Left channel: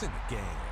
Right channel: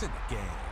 It's in the game.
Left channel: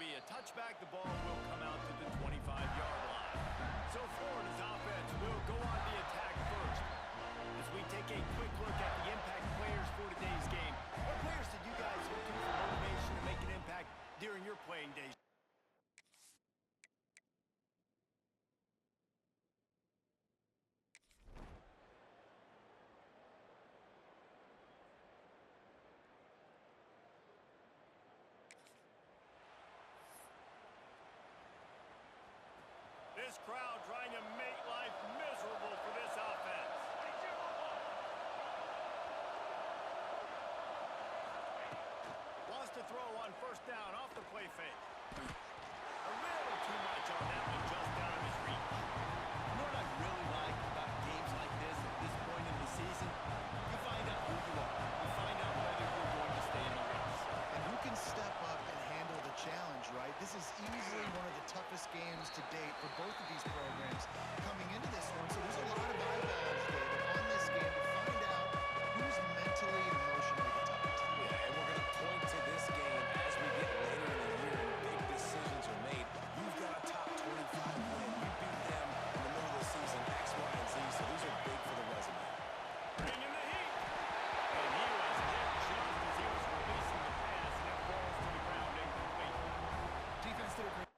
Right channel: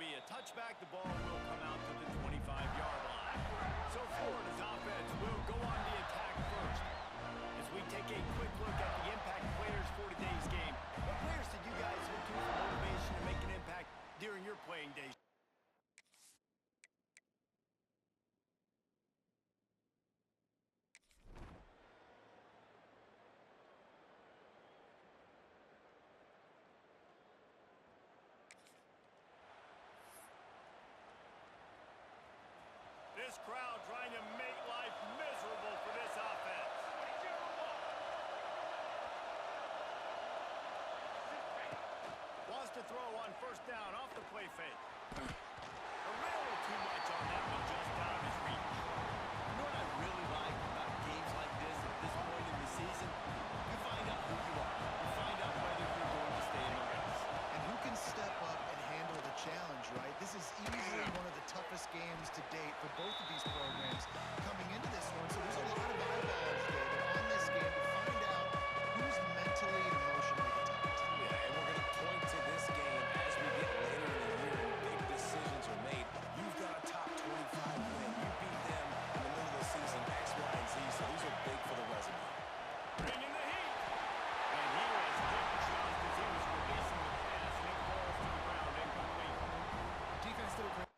be a touchback. The ball will come out to the 25-yard line. So Florida's offense will go on the attack first. As we take a quick look at the impact players for today's game, what players did you guys look to for motivation to make an impact during your playing days? This crowd trying to make life miserable for this offense. Wants to throw on first down off the play fake. A little too much on that one, just out of his reach. You know what I really like about games like this at this point in the season? You find out who you are. You find out whether you're going to stay in the race. And who can step up and handle the challenge, right? This is easily one of the toughest games to date for both of these programs coming into this one. So there's a lot of eyeballs, David, on this game to find out who's mentally and emotionally the toughest. Yeah, and we're going to point to this game as we get later in the year and big decisions are made. You've got a top 25 win. You beat them in the middle of the season, X, Y, and Z, so these are big for the resume. Bringing the heat. And he was hit just as he was releasing the pass, and it falls to the ground incomplete. Defense did a great.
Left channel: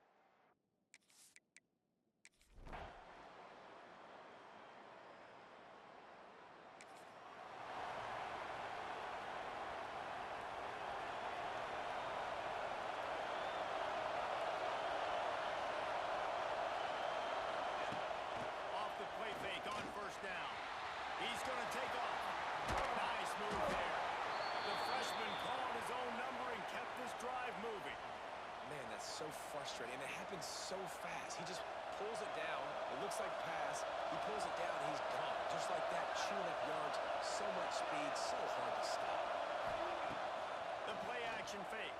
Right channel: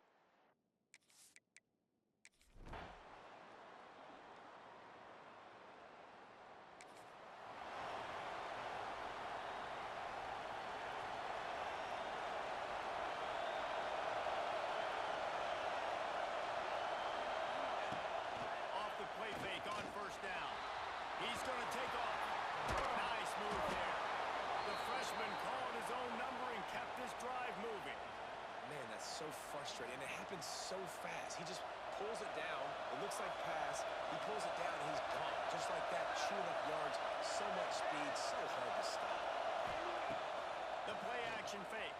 Off the play fake on first down. He's going to take off. Nice move there. The freshman called his own number and kept this drive moving. Man, that's so frustrating, and it happens so fast. He just pulls it down. It looks like pass. He pulls it down, and he's gone. Just like that, chewing up yards. So much speed, so hard to stop. The play-action fake.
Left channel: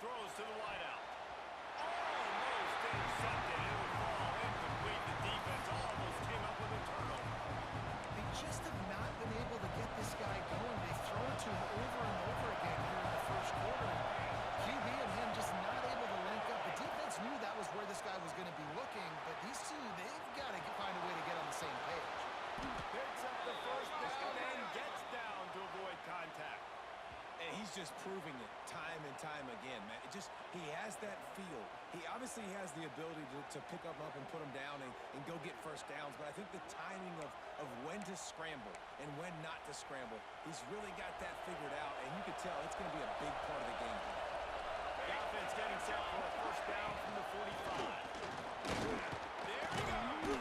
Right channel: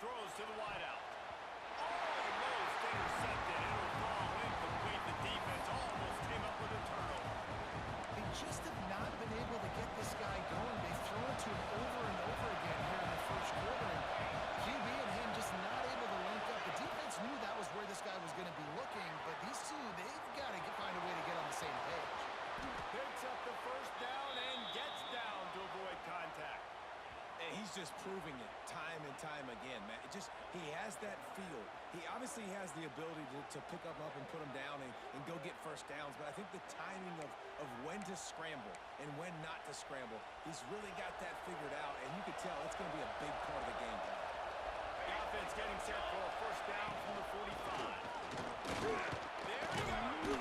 Throws to the wideout. Almost intercepted. It'll fall incomplete. The defense almost came up with a turnover. They just have not been able to get this guy going. They've thrown it to him over and over again here in the first quarter. And QB and him just not able to link up. The defense knew that was where this guy was going to be looking, but these two, they've got to find a way to get on the same page. Picks up the first down and gets down to avoid contact. And he's just proving it time and time again, man. He has that feel. He obviously has the ability to pick him up and put him down and go get first downs, but I think the timing of when to scramble and when not to scramble, he's really got that figured out, and you can tell it's going to be a big part of the game plan. The offense getting set for a first down from the 45. There he goes.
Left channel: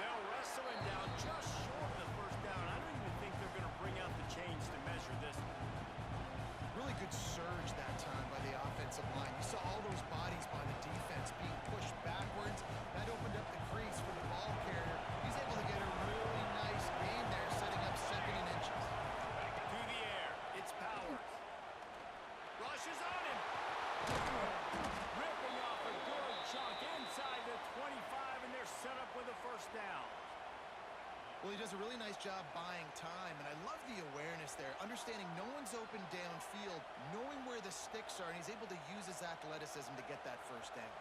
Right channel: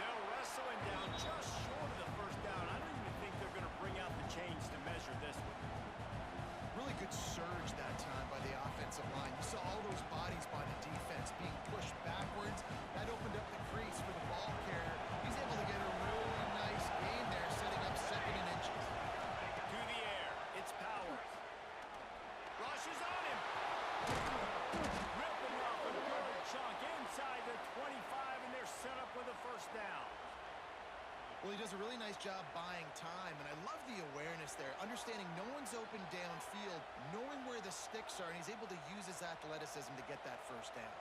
They'll wrestle him down just short of the first down. I don't even think they're going to bring out the chains to measure this one. Really good surge that time by the offensive line. You saw all those bodies by the defense being pushed backwards. That opened up the crease for the ball carrier. He's able to get a really nice gain there, setting up second and inches. To the air, it's Powers. Rushes on him. Ripping off a good chunk inside the 25, and they're set up with a first down. Well, he does a really nice job buying time, and I love the awareness there, understanding no one's open downfield, knowing where the sticks are, and he's able to use his athleticism to get that first down.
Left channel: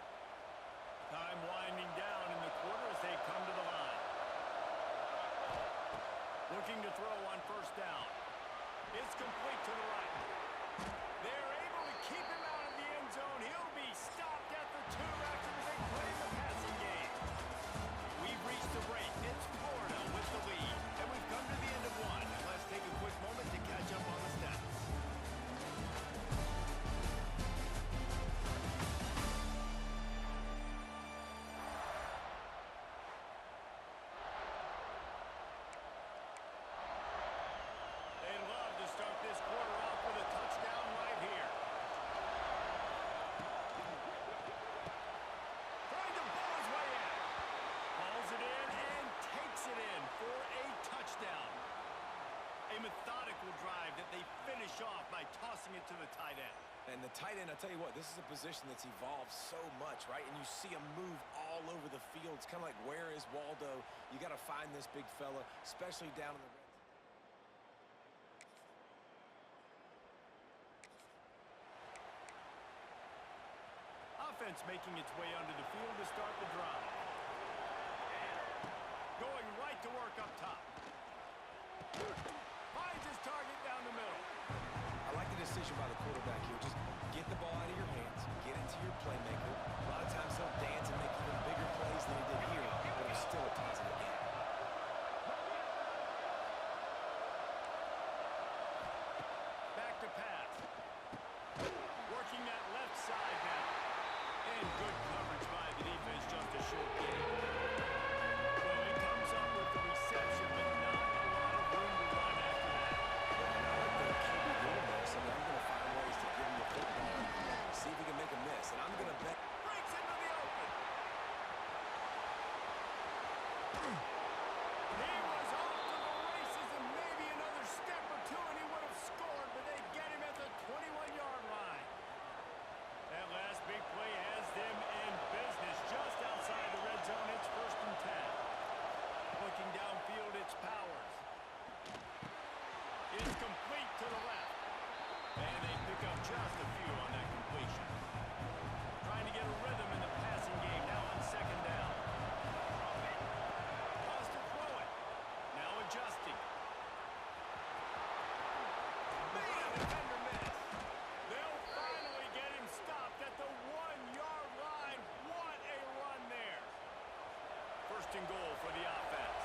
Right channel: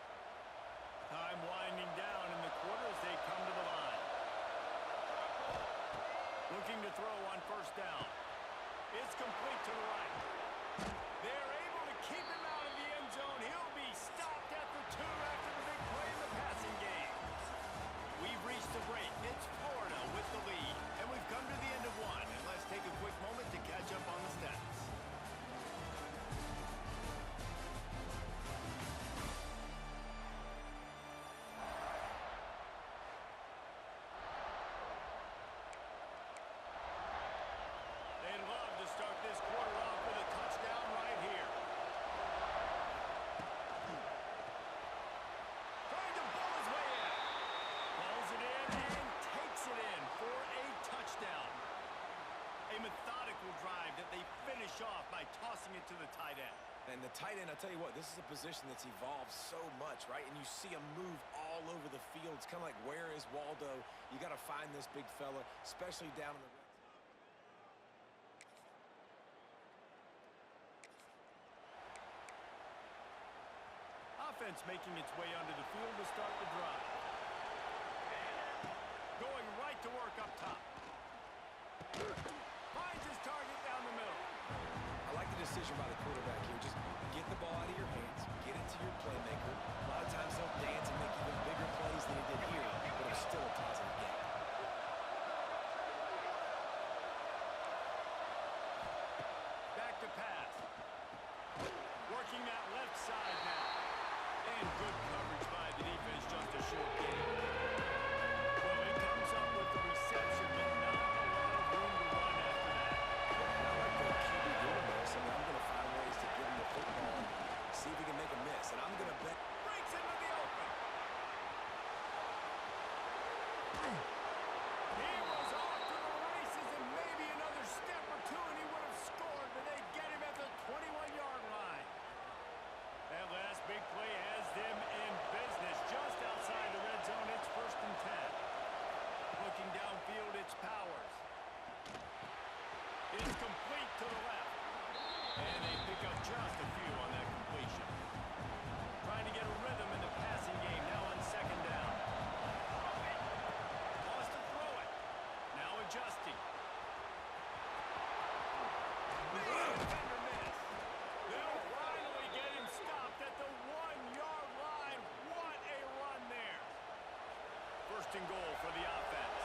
Time winding down in the quarter as they come to the line. Looking to throw on first down. It's complete to the right. They're able to keep him out of the end zone. He'll be stopped at the 2 after the big play in the passing game. We've reached the break. It's Florida with the lead. And we've come to the end of one. And let's take a quick moment to catch up on the stats. They'd love to start this quarter off with a touchdown right here. Trying to bull his way in. Pulls it in and takes it in for a touchdown. A methodical drive that they finish off by tossing it to the tight end. And the tight end, I'll tell you what, this is a position that's evolved so much, right? And you see him move all over the field. It's kind of like, where is Waldo? You got to find this big fella, especially down in the red zone. offense making its way onto the field to start the drive. Going right to work up top. Finds his target down the middle. I like the decision by the quarterback here. Just get the ball out of your hands, get it to your playmaker. A lot of times they'll dance and make even bigger plays than he did here, but it was still a positive game. Back to pass. Working that left side now. And good coverage by the defense, just a short gain. Well, he comes up with the reception, but not a lot of room to run after that. And I like the QB doing this. I mean, I'm going to find ways to give him the football and see if he can make a miss. And I'm going to bet. Breaks into the open. He was off to the races, and maybe another step or two, and he would have scored, but they get him at the 21-yard line. That last big play has them in business just outside the red zone. It's 1st and 10. Looking downfield, it's Powers. It's complete to the left. And they pick up just a few on that completion. Trying to get a rhythm in the passing game now on 2nd down. Wants to throw it. Now adjusting. Man, defender miss. They'll finally get him stopped at the 1-yard line. What a run there. 1st and goal for the offense.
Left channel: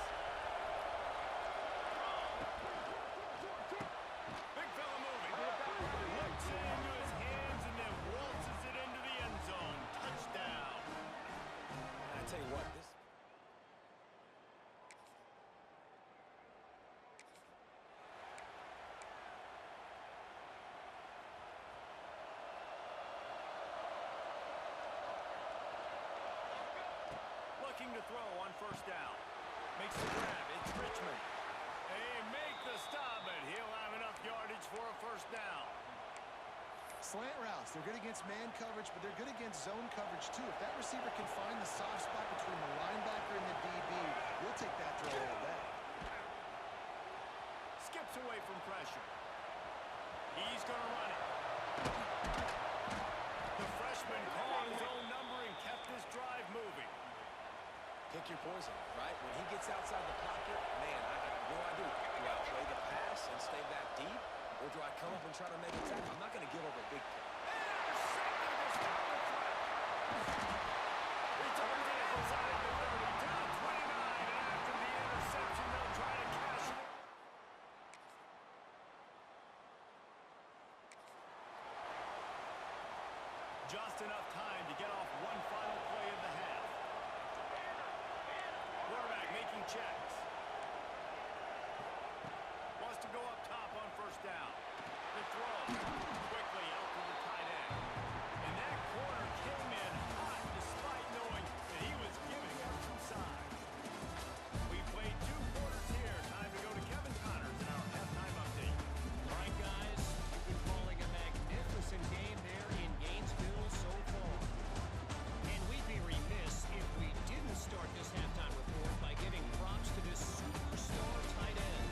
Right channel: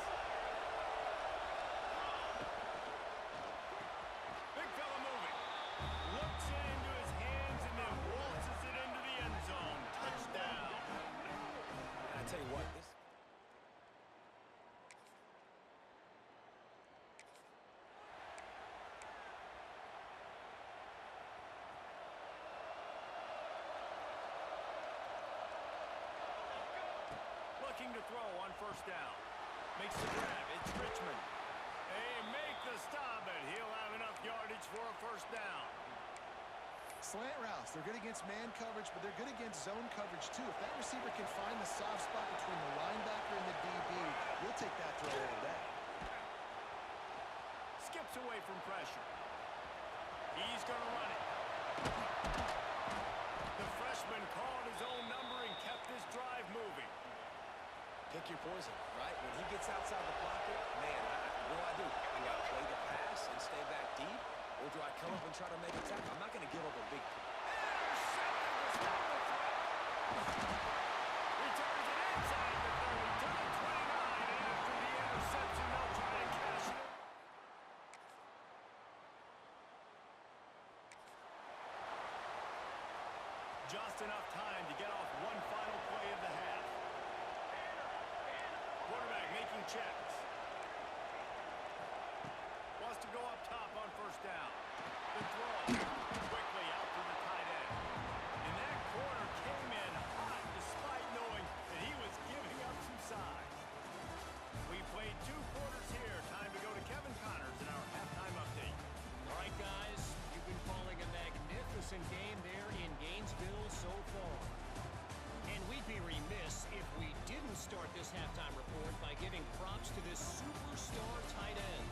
Big fella moving. Looks it into his hands and then waltzes it into the end zone. Touchdown. And I tell you what, this. Looking to throw on 1st down. Makes the grab. It's Richmond. They make the stop, but he'll have enough yardage for a 1st down. Slant routes, they're good against man coverage, but they're good against zone coverage too. If that receiver can find the soft spot between the linebacker and the DB, you'll take that throw all day. Skips away from pressure. He's going to run it. The freshman called his own number and kept this drive moving. Pick your poison, right? When he gets outside the pocket, man, what do? Do I play the pass and stay back deep? Or do I come up and try to make a tackle? I'm not going to give up a big play. Intercepted to stop the threat. Returns it inside the 30 to the 29, and after the interception, they'll try to cash it in. Just enough time to get off one final play of the half. Quarterback making checks. Wants to go up top on 1st down. The throw. Quickly out to the tight end. And that corner came in hot despite knowing that he was giving up some size. We played 2 quarters here. Time to go to Kevin Connors in our halftime update. All right, guys. You've been calling a magnificent game there in Gainesville so far. And we'd be remiss if we didn't start this halftime report by giving props to this superstar tight end.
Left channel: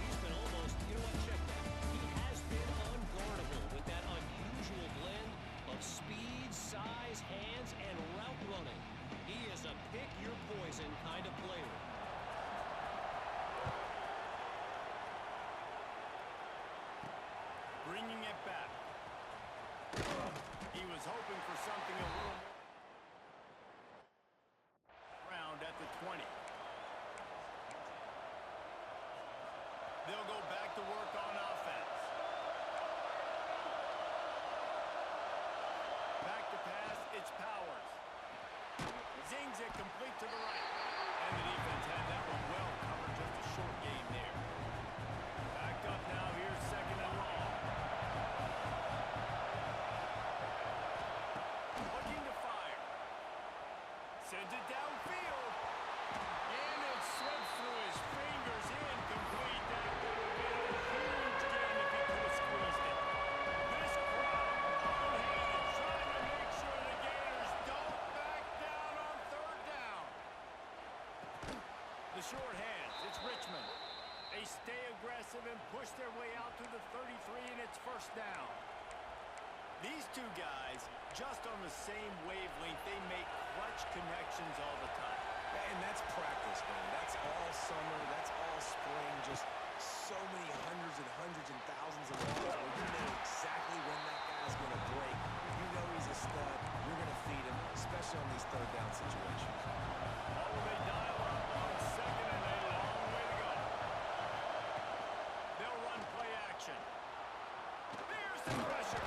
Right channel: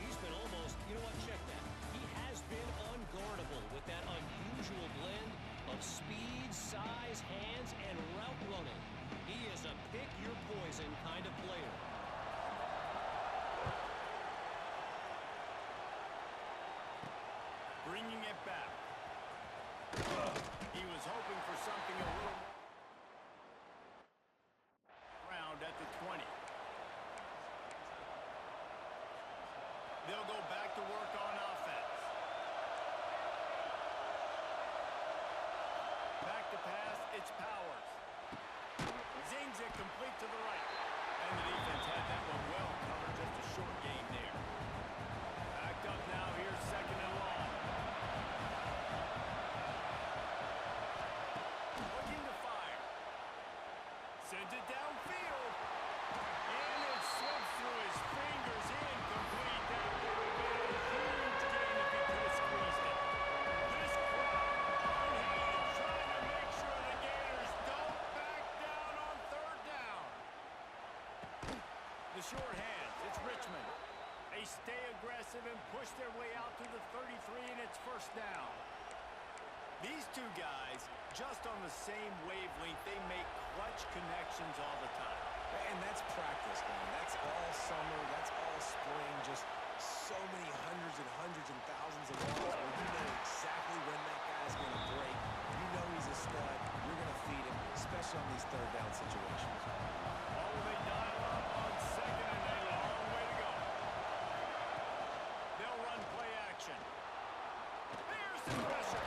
He's been almost, you know what, check that. He has been unguardable with that unusual blend of speed, size, hands, and route running. He is a pick-your-poison kind of player. Bringing it back. He was hoping for something a little more. Round at the 20. They'll go back to work on offense. Back to pass, it's Powers. Zings it complete to the right. And the defense had that one well covered, just a short gain there. Backed up now, here's 2nd and long. Looking to fire. Sends it downfield. And it slips through his fingers, incomplete. That would have been a huge gain if he could have squeezed it. This crowd, unhated, trying to make sure the Gators don't back down on 3rd down. The short hands, it's Richmond. They stay aggressive and push their way out to the 33, and it's 1st down. These two guys, just on the same wavelength, they make clutch connections all the time. And that's practice, man. That's all summer. That's all spring. Just so many hundreds and thousands of balls where you know exactly when that guy's going to break. You know he's a stud. You're going to feed him, especially on these third down situations. Oh, they dial up on second and a long way to go. They'll run play action. There's the pressure.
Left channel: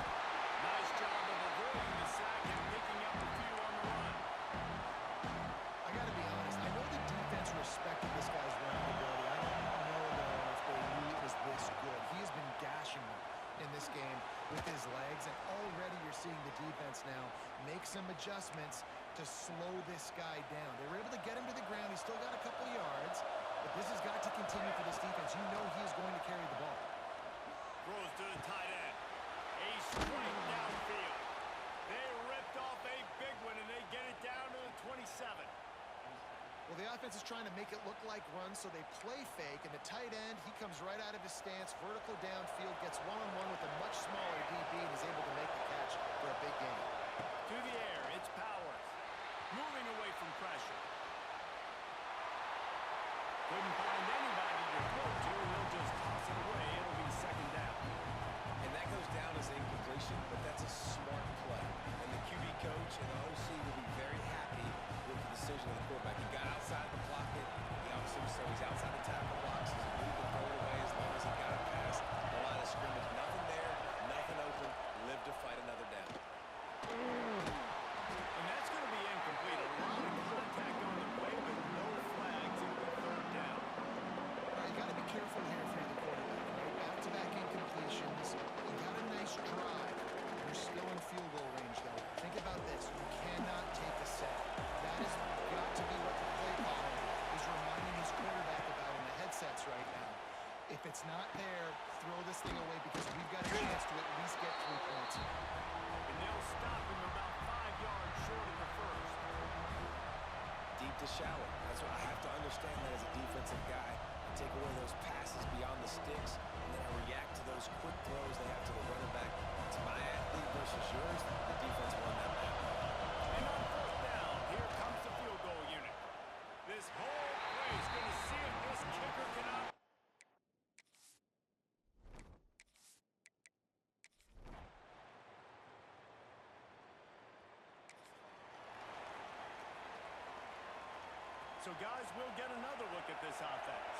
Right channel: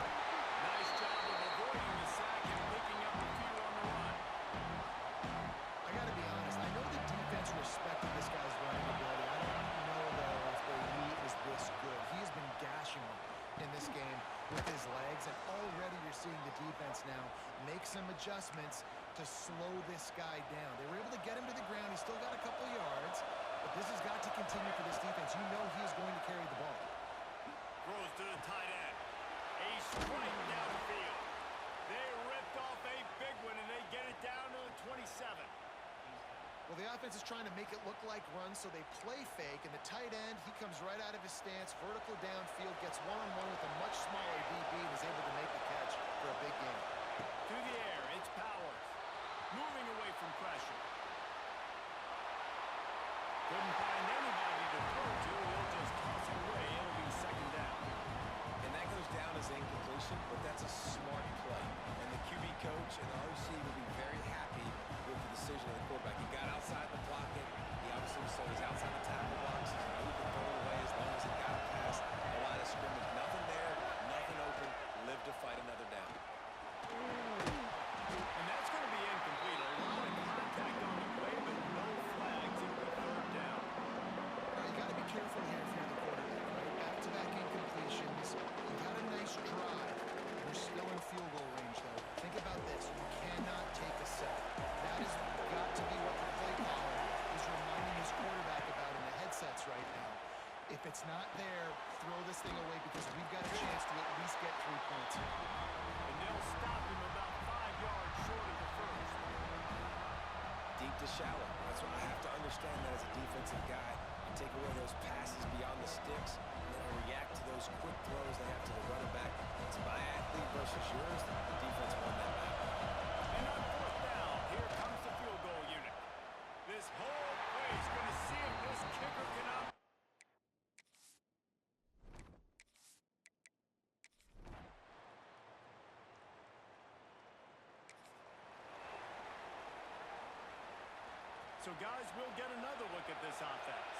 Nice job of avoiding the sack and picking up a few on the run. I got to be honest. I know the defense respected this guy's running ability. I don't know, though, if they knew it was this good. He has been gashing them in this game with his legs, and already you're seeing the defense now make some adjustments to slow this guy down. They were able to get him to the ground. He's still got a couple yards, but this has got to continue for this defense. You know he is going to carry the ball. Throws to the tight end. A strike downfield. They ripped off a big one, and they get it down to the 27. Well, the offense is trying to make it look like runs, so they play fake, and the tight end, he comes right out of his stance, vertical downfield, gets one-on-one with a much smaller DB, and is able to make the catch for a big gain. To the air, it's Powers. Moving away from pressure. Couldn't find anybody to throw to. He'll just toss it away. It'll be second down. And that goes down as incompletion, but that's a smart play. And the QB coach and the OC will be very happy with the decision of the quarterback. He got outside the pocket. He obviously so he's outside the tackle box. He moved and throw it away as long as he got it past the line of scrimmage. Nothing there, nothing open. Live to fight another down. And that's going to be incomplete. A lot of contact on the play, but no flags. It'll be third down. All right, you got to be careful here if you're the quarterback, right? Back-to-back incompletions. You got a nice drive. You're still in field goal range, though. Think about this. You cannot take a sack. That has got to be what the play caller is reminding his quarterback about in the headsets right now. If it's not there, throw this thing away because we've got a chance to at least get 3 points here. And they'll stop him about 5 yards short of the first. Deep to shallow. That's why I have to understand that as a defensive guy and take away those passes beyond the sticks, and then I react to those quick throws they have to the running back. It's my athlete versus yours. The defense won that battle. And on fourth down, here comes the field goal unit. This whole play is going to see if this kicker can out. So, guys, we'll get another look at this offense.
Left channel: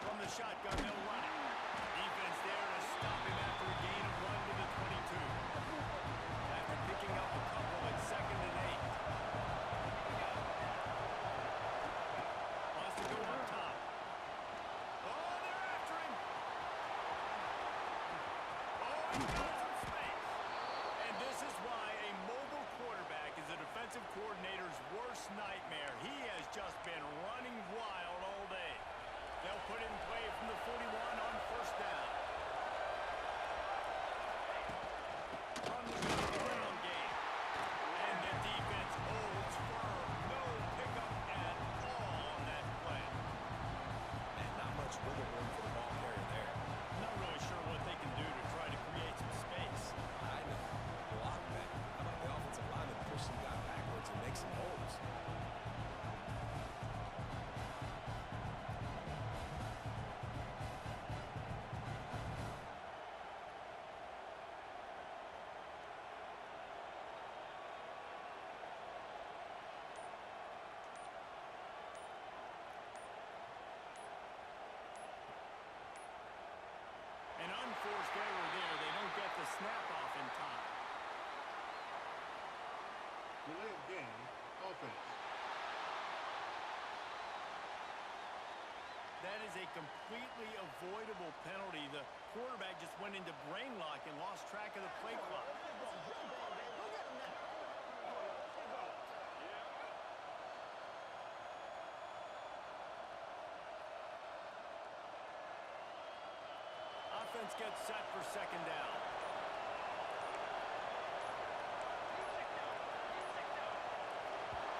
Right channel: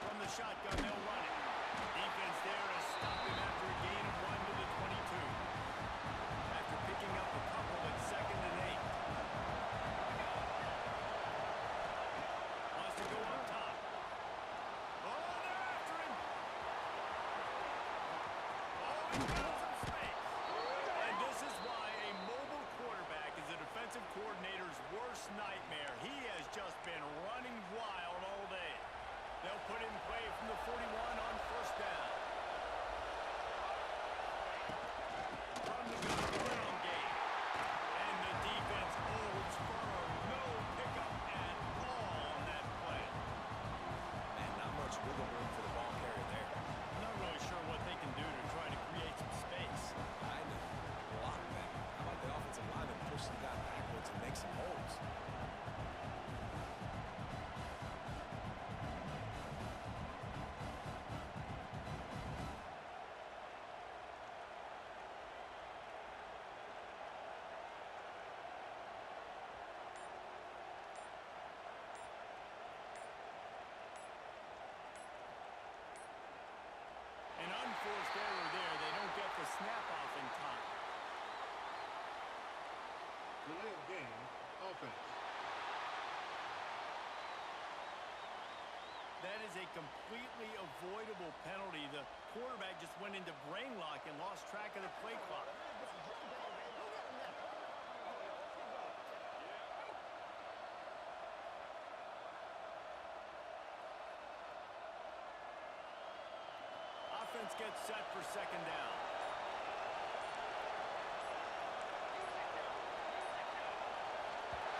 From the shotgun, they'll run it. Defense there to stop him after a gain of 1 to the 22. After picking up a couple at second and 8. Wants to go up top. Oh, they're after him. Oh, he got some space. And this is why a mobile quarterback is a defensive coordinator's worst nightmare. He has just been running wild all day. They'll put it in play from the 41 on first down. From the ground game. And the defense holds firm. No pickup at all on that play. Man, not much wiggle room for the ball carrier there. Not really sure what they can do to try to create some space. I know. Block that. How about the offensive lineman push some guy backwards and make some holes? An unforced error there. They don't get the snap off in time. Delay of game, offense. That is a completely avoidable penalty. The quarterback just went into brain lock and lost track of the play clock. Offense gets set for second down.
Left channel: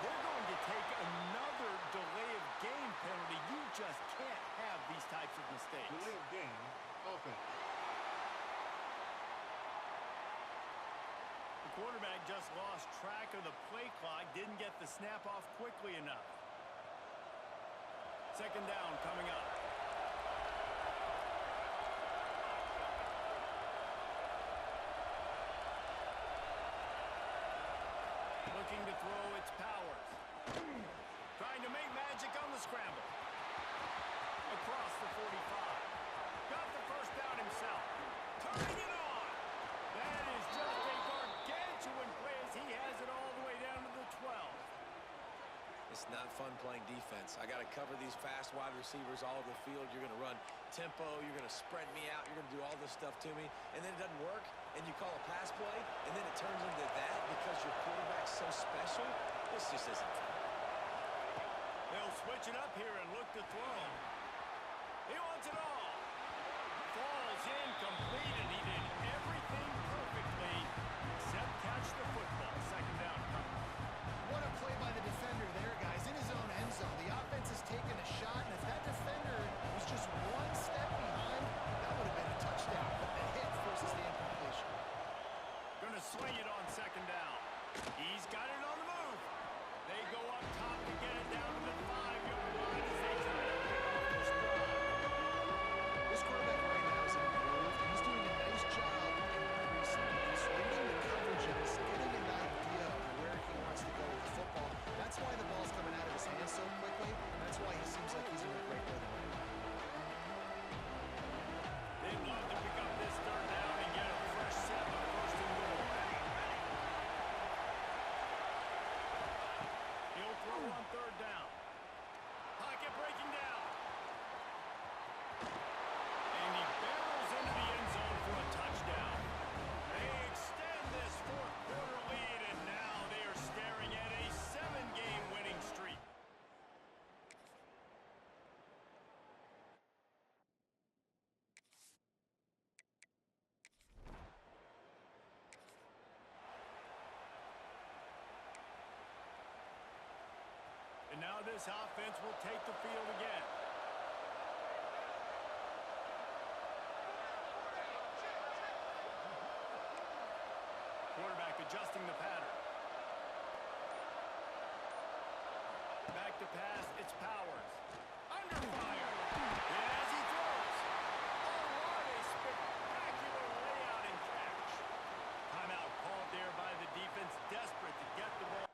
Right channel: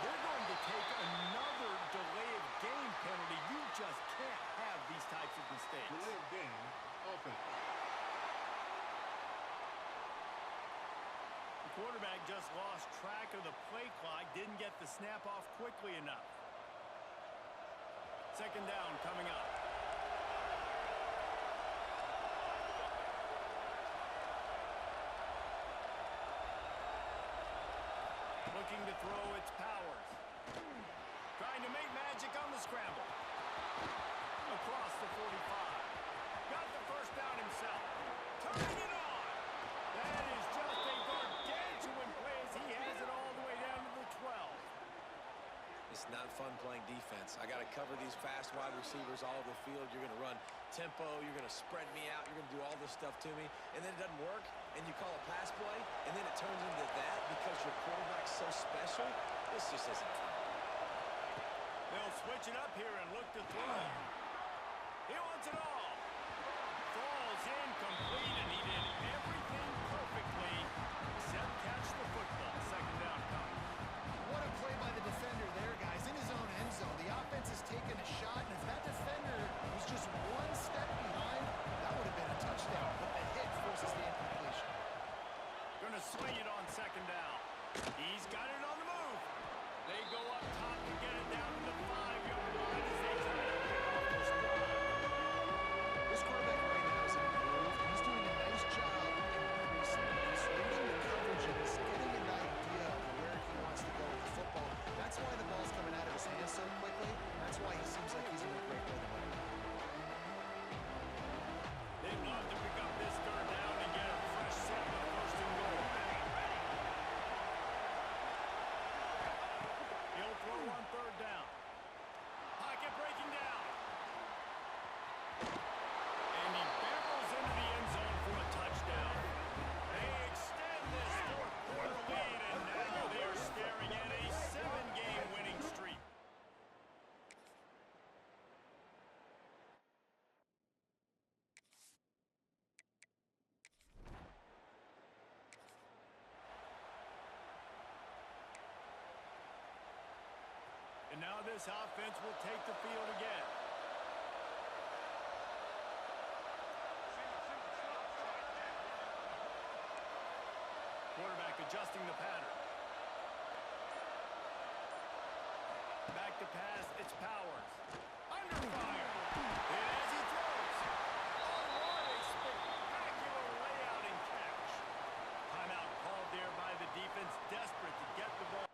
They're going to take another delay of game penalty. You just can't have these types of mistakes. Delay of game, offense. quarterback just lost track of the play clock, didn't get the snap off quickly enough. Second down coming up. Looking to throw, its Powers. Trying to make magic on the scramble. Across the 45. Got the first down himself. Turning it on. That is just a gargantuan play as he has it all the way down to the 12. It's not fun playing defense. I got to cover these fast wide receivers all over the field. You're going to run tempo. You're going to spread me out. You're going to do all this stuff to me. And then it doesn't work, and you call a pass play, and then it turns into that because your quarterback's so special. This just isn't fun. They'll switch it up here and look to throw. He wants it all. Falls incomplete, and he did everything perfectly except catch the football. Second down coming. What a play by the defender there, guys. In his own end zone, the offense has taken a shot, and if that defender was just one step behind, that would have been a touchdown. But the hit forces the incompletion. Going to swing it on second down. He's got it on the move. They go up top to get it down to the 5-yard line as they try to pick off this drive. This quarterback right now is in a groove, and he's doing a nice job increasing. He's reading the coverages, getting an idea of where he wants to go with the football. That's why the ball's coming out of his hands so quickly. That's why he seems like he's in a great rhythm right now. They'd love to pick up this third down and get a fresh set with first and goal. He'll throw on third down. Pocket breaking down. And he barrels into the end zone for a touchdown. They extend this fourth quarter lead, and now they are staring at a 7-game winning streak. And now this offense will take the field again. Quarterback adjusting the pattern. Back to pass, it's Powers. Under fire. And as he throws. Oh, what a spectacular layout and catch. Timeout called there by the defense, desperate to get the ball.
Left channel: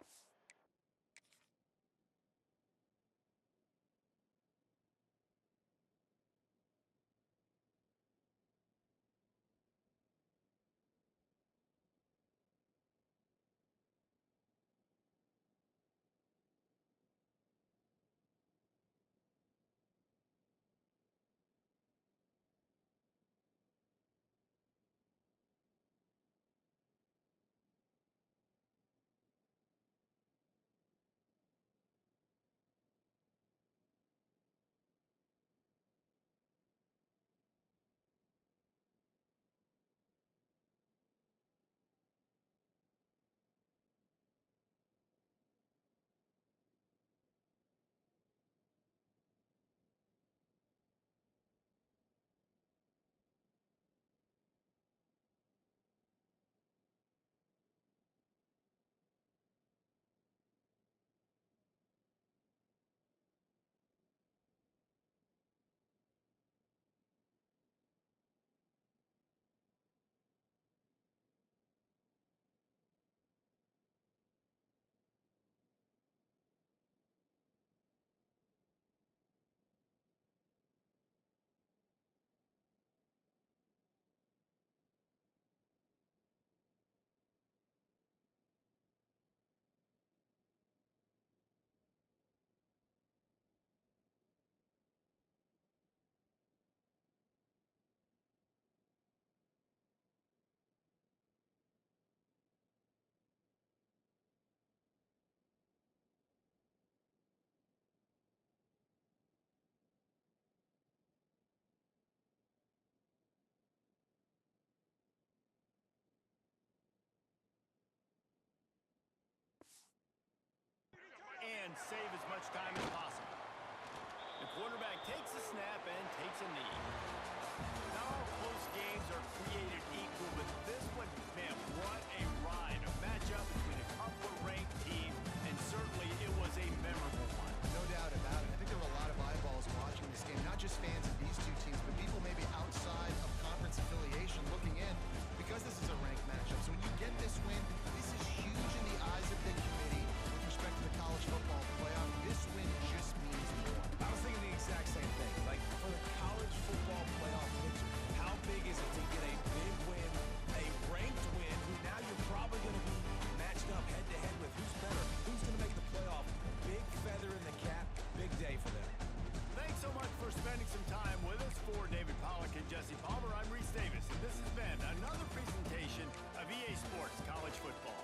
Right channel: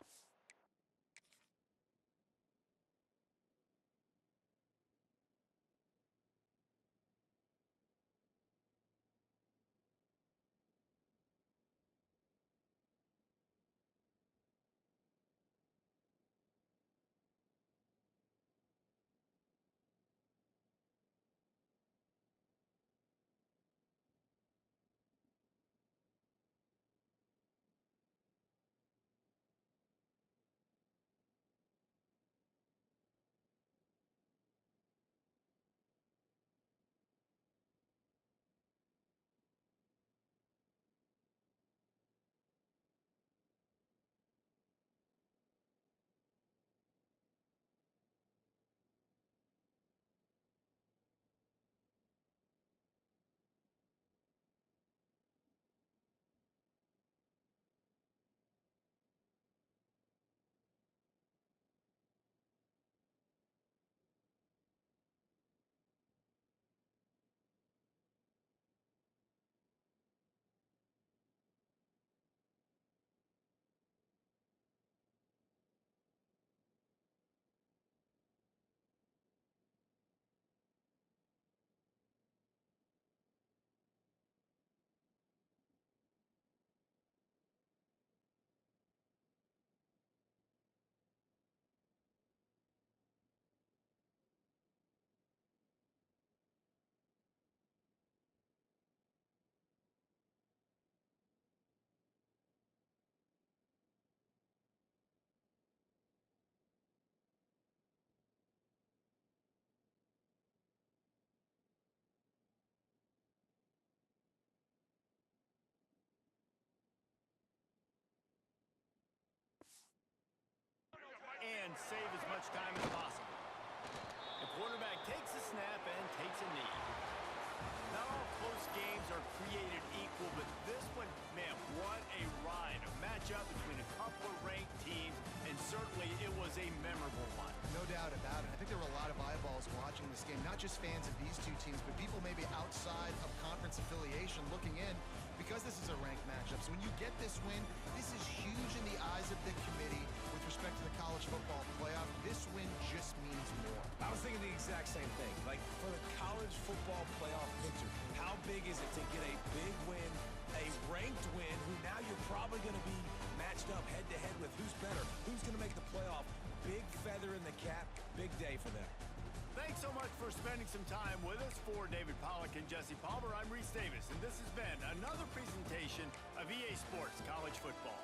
And save as much time as possible. The quarterback takes a snap and takes a knee. Not all close games are created equal, but this one, man, what a ride. EA Sports College Football.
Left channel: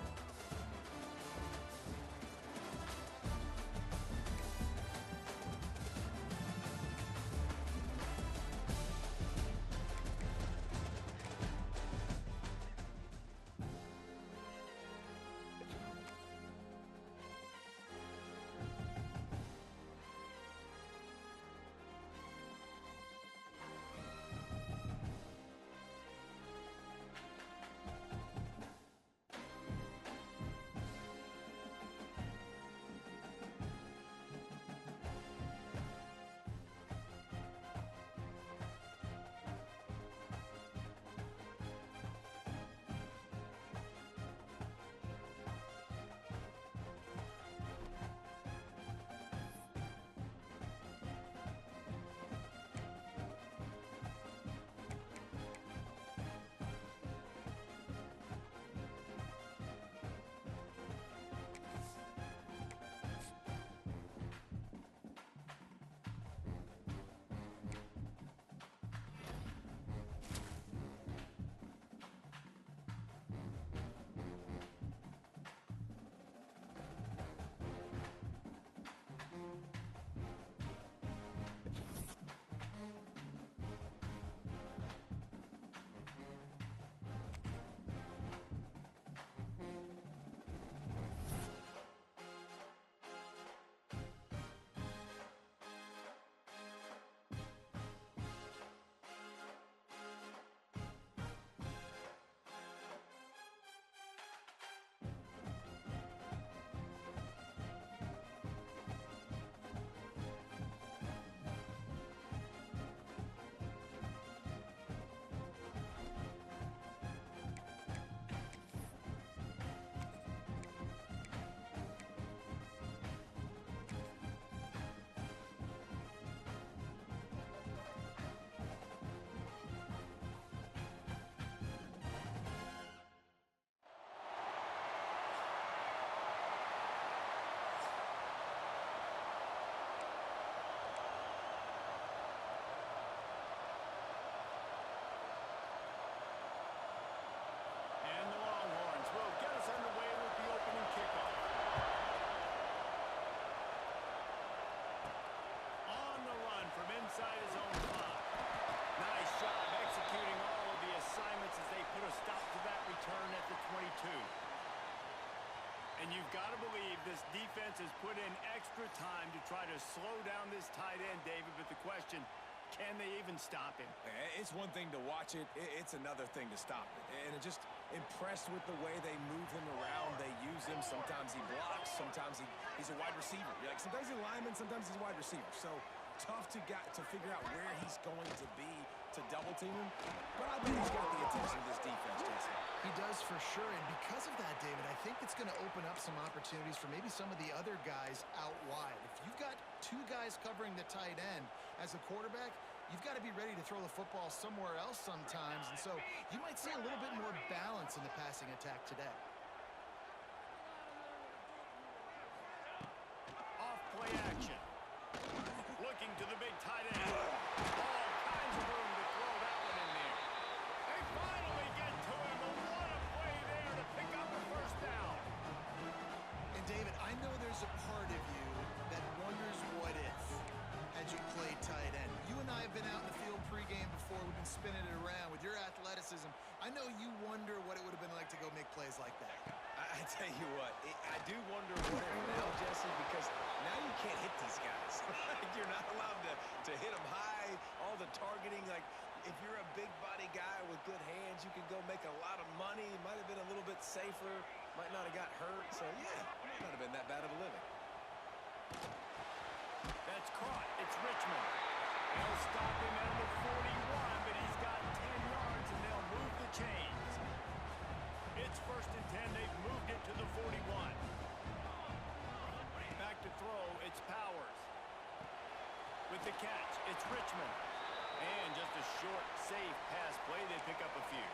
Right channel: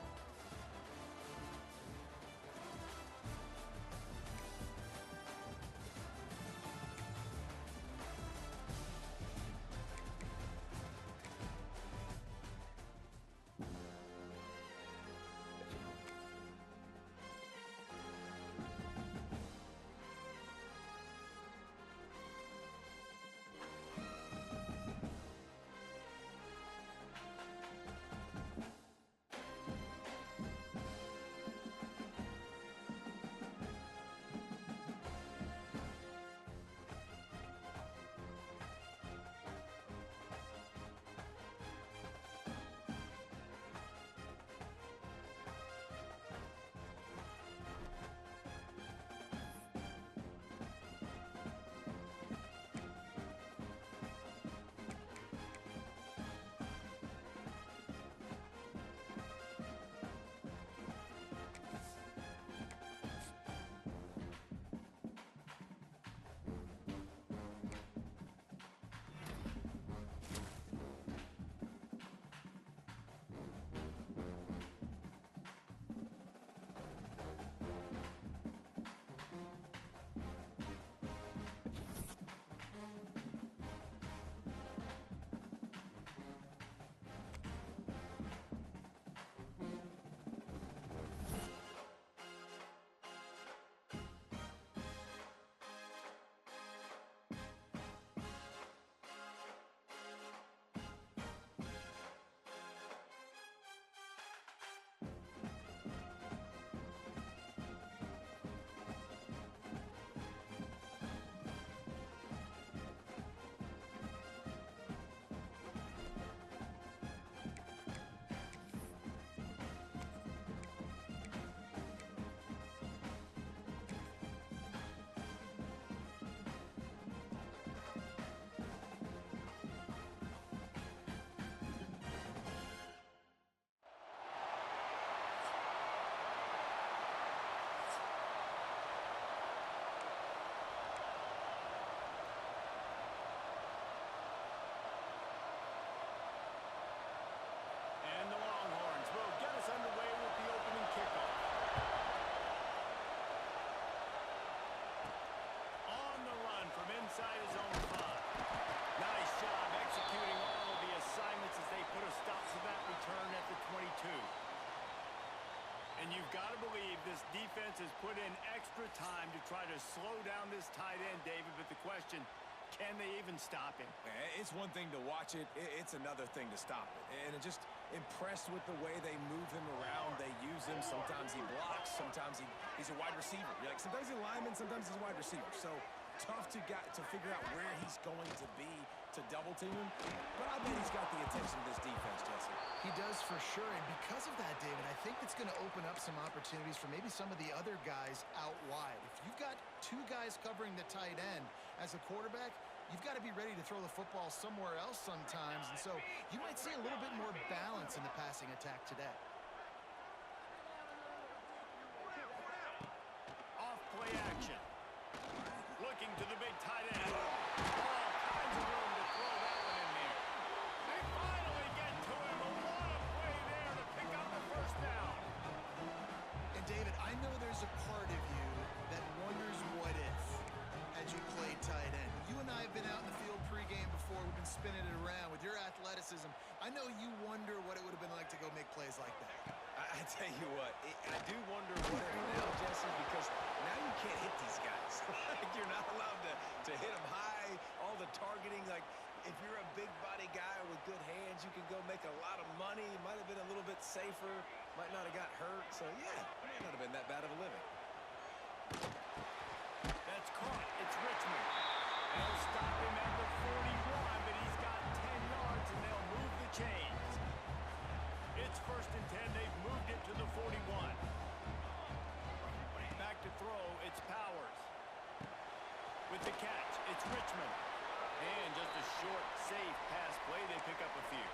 And the Longhorns will get us underway with the opening kickoff. On the run from inside his own 5. Nice job executing all of the assignments as they put a stop to that return at the 22. And you've got to believe this defense has put in extra time to try to slow down this tight end, David, but the question, can they even stop him? It's one thing to watch it. It's another thing to stop it. And just impressed with the way they move him around. They use him. Sometimes he blocks. Sometimes he's a wide receiver. Sometimes he's a lineman. Sometimes he's a wide receiver. So tough to figure out where he's going to be to double team him. But I bet he's got the attention of this defense, Jesse. He does for sure, and because of that, David, I think it's going to open up some opportunities for maybe some of the other guys out wide. If you've got 2 guys covering the tight end as a quarterback, you've got to be ready to throw the football somewhere else sometimes, and so you might see a little bit more balance in the passing attack today. Off play action. Looking to the big tight end. All kinds of room to throw that one in there. They finally get to him, but what a play there to pick up the first down. And David, I know there's a part of you that wonders what if had you played tight end. You and I have been out in the field pregame before. We've been spinning it around with your athleticism. I know you wonder what it would have been like to go make plays like that. I tell you what, I do wonder what if now, Jesse, because now you can't hit these guys. You're not allowed to hit them high, all the targeting. Like, if you're a big body guy with good hands, you can go make a lot of money. It might have been a little bit safer, might not have got hurt. So, yeah, it might not have been that bad of a living. That's caught. It's Richmond. They'll stop him at the 41, but he's got 10 yards, and they'll move the chains. It's 1st and 10. They've moved it to the 41. Back to throw. It's Powers. With the catch, it's Richmond. And just a short, safe pass play. They pick up a few.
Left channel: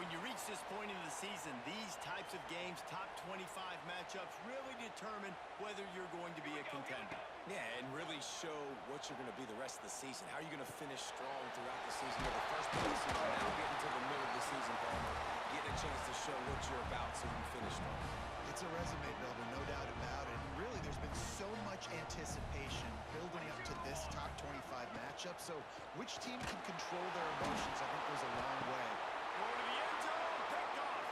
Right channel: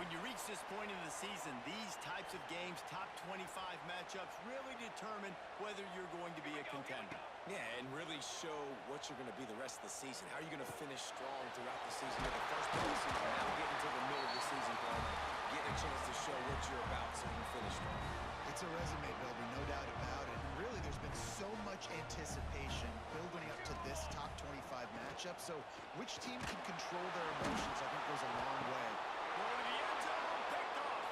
When you reach this point in the season, these types of games, top 25 matchups, really determine whether you're going to be a contender. Yeah, and really show what you're going to be the rest of the season. How are you going to finish strong throughout the season? You're the first part of the season, now getting to the middle of the season, Palmer, getting a chance show what you're about so you can finish strong. It's a resume builder, no doubt about it. And really, there's been so much anticipation building up to this top 25 matchup. So which team can control their emotions, I think, goes a long way. Throw to the end zone, picked off.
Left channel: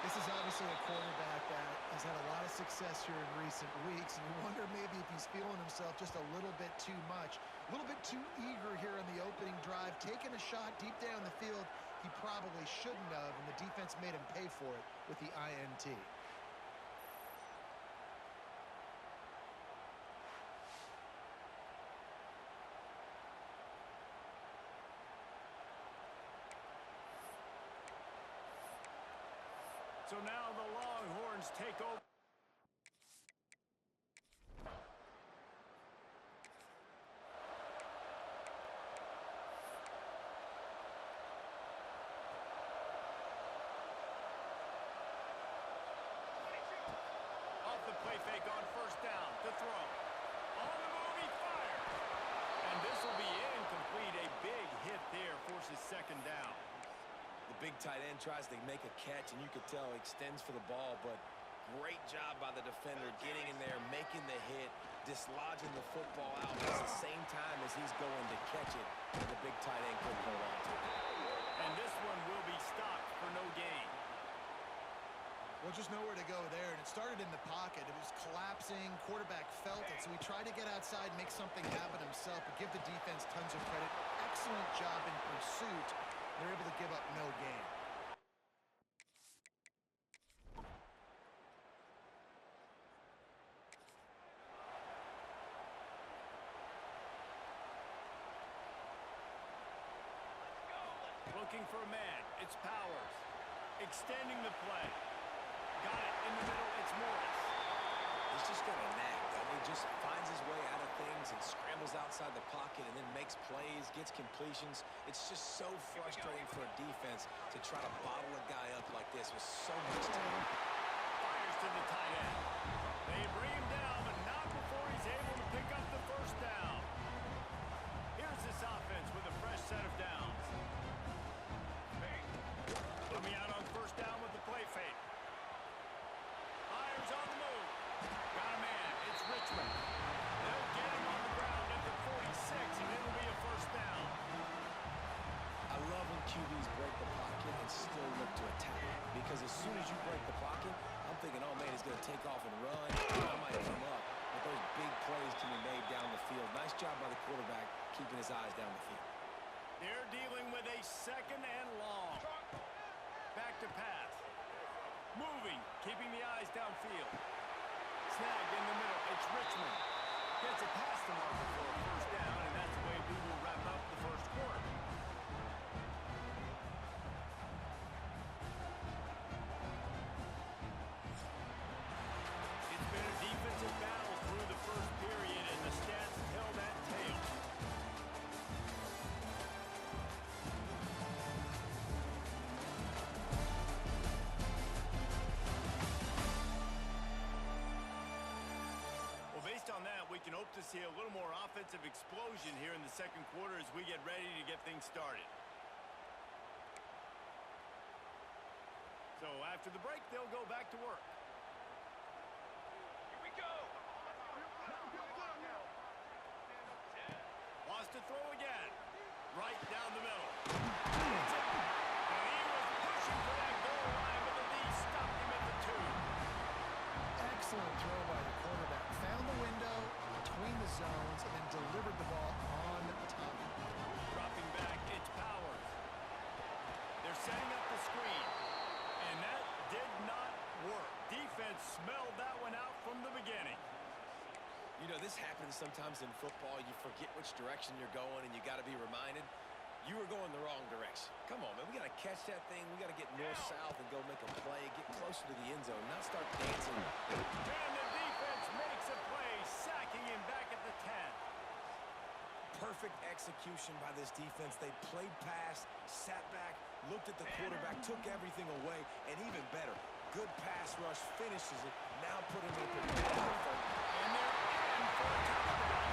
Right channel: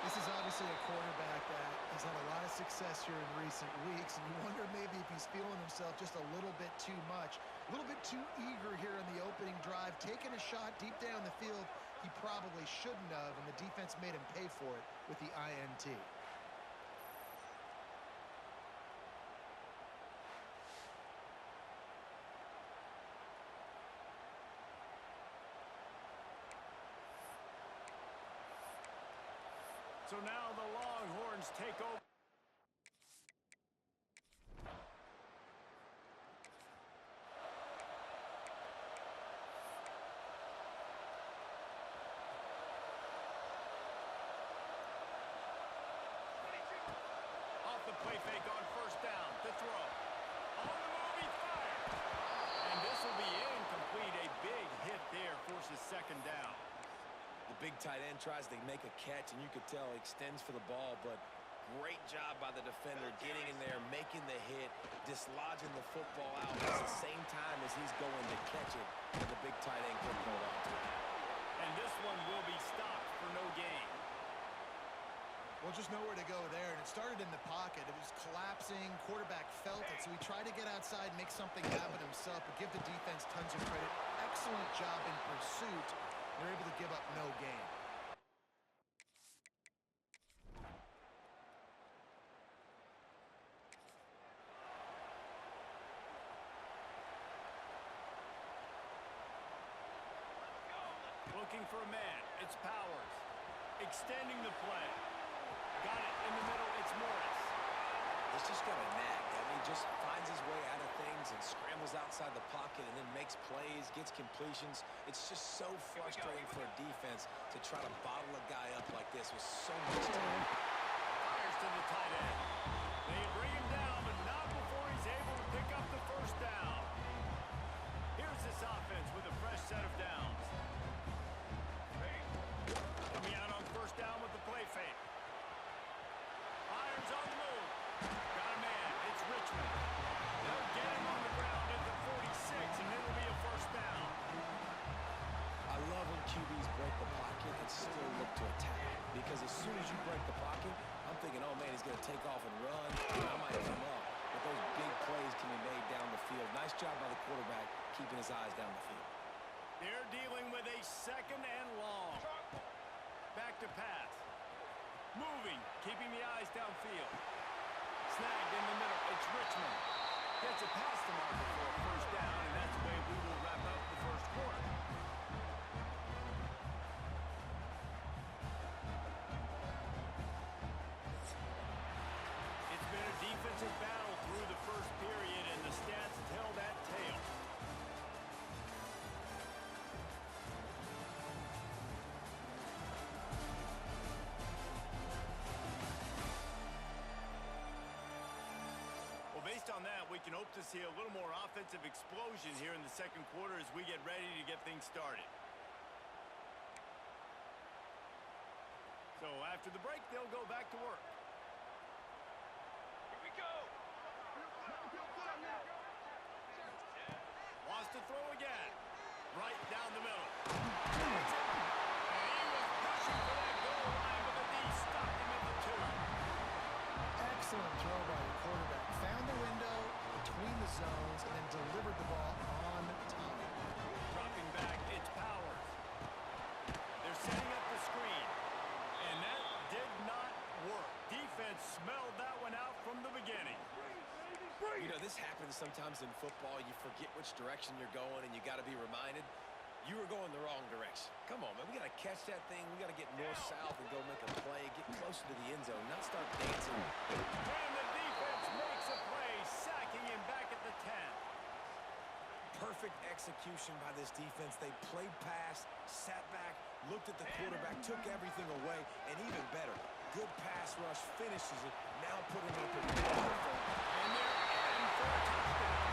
This is obviously a quarterback that has had a lot of success here in recent weeks, and you wonder maybe if he's feeling himself just a little bit too much, a little bit too eager here in the opening drive, taking a shot deep down the field he probably shouldn't have, and the defense made him pay for it with the INT. So now the Longhorns take over. Off the play fake on first down to throw. On the move, he fires. And this will be incomplete. A big hit there forces second down. The big tight end tries to make a catch, and you could tell he extends for the ball, but great job by the defender getting in there, making the hit, dislodging the football out at the same time as he's going to catch it, and the big tight end couldn't hold on to it. And this one will be stopped for no gain. Well, just nowhere to go there, and it started in the pocket. It was collapsing, quarterback felt it, so he tried to get outside, make something happen himself, but give the defense tons of credit. Excellent job in pursuit. They're able to give up no gain. Looking for a man. It's Powers. Extending the play. Got it in the middle. It's Morris. He's just got a knack. I mean, just finds his way out of things and scrambles outside the pocket and then makes plays, gets completions. It's just so frustrating for a defense to try to bottle a guy up like this with so much time. Fires to the tight end. They bring him down, but not before he's able to pick up the first down. Here's this offense with a fresh set of downs. Coming out on first down with the play fake. Myers on the move. Got a man. It's Richmond. They'll get him on the ground at the 46, and it'll be a first down. I love when QBs break the pocket and still look to attack. Because as soon as you break the pocket, I'm thinking, oh, man, he's going to take off and run. I might come up. But those big plays can be made down the field. Nice job by the quarterback keeping his eyes down the field. They're dealing with a second and long. Back to pass. Moving, keeping the eyes downfield. Snagged in the middle. It's Richmond. Gets it past the marker for a first down, and that's the way we will wrap up the first quarter. It's been a defensive battle through the first period, and the stats tell that tale. Based on that, we can hope to see a little more offensive explosion here in the second quarter as we get ready to get things started. So after the break, they'll go back to work. Here we go. Wants to throw again. Right down the middle. That's it. And he was pushing for that goal line, but the D stopped him at the 2. Excellent throw by the quarterback. Found the window between the zones and then delivered the ball on time. Dropping back, it's Powers. They're setting up the screen. And that did not work. Defense smelled that one out from the beginning. You know, this happens sometimes in football. You forget which direction you're going, and you got to be reminded you were going the wrong direction. Come on, man. We got to catch that thing. We got to get north-south and go make a play, get closer to the end zone, not start dancing. And the defense makes a play, sacking him back at the 10. Perfect execution by this defense. They played pass, sat back, looked at the quarterback, took everything away, and even better, good pass rush, finishes it, now put him in a position. And they're in for a touchdown.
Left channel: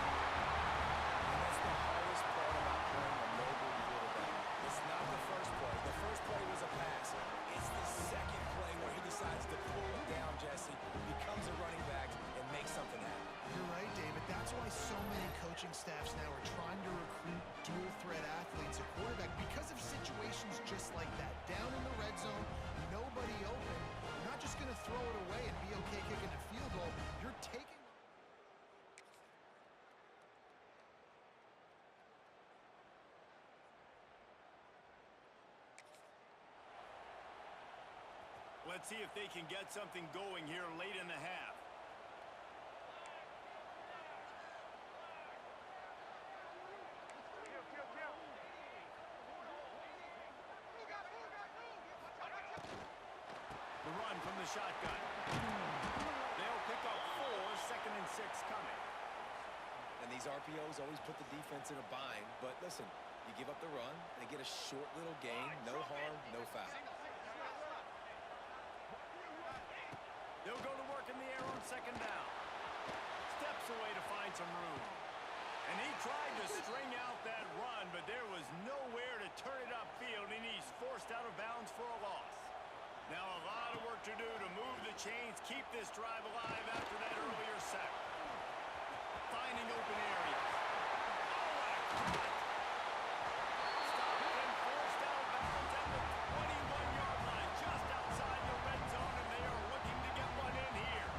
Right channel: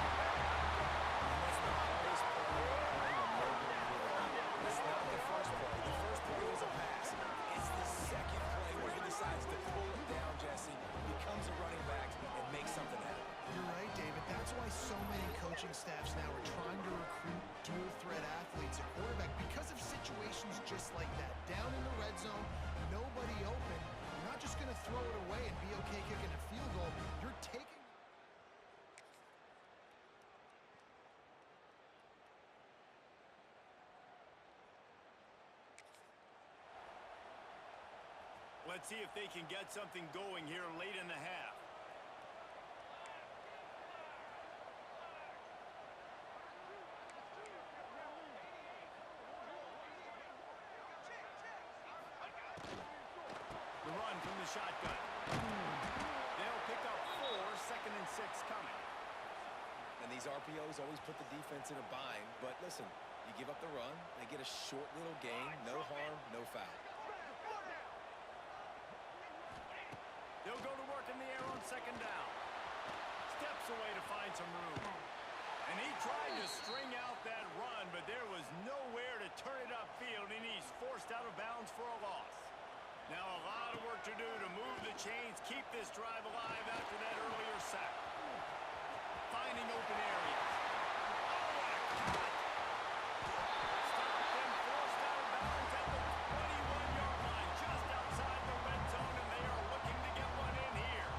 And that's the hardest part about playing a mobile quarterback. It's not the first play. The first play was a pass. It's the second staffs now are trying to recruit dual-threat athletes at quarterback because of situations just like that. Down in the red zone, nobody open. You're not just going to throw it away and be okay kicking a field goal. You're taking... Let's see if they can get something going here late in the half. The run from the shotgun. They'll pick up 4, 2nd and 6 coming. And these RPOs always put the defense in a bind. But listen, you give up the run, they get a short little gain, no harm, no foul. They'll go to work in the air on 2nd down. Steps away to find some room. And he tried to string out that run, but there was nowhere to turn it upfield, and he's forced out of bounds for a loss. Now a lot of work to do to move the chains, keep this drive alive after that earlier sack. Finding open areas. Oh, what a cut! Stopped and forced out of bounds at the 21-yard line, just outside the red zone, and they are looking to get one in here.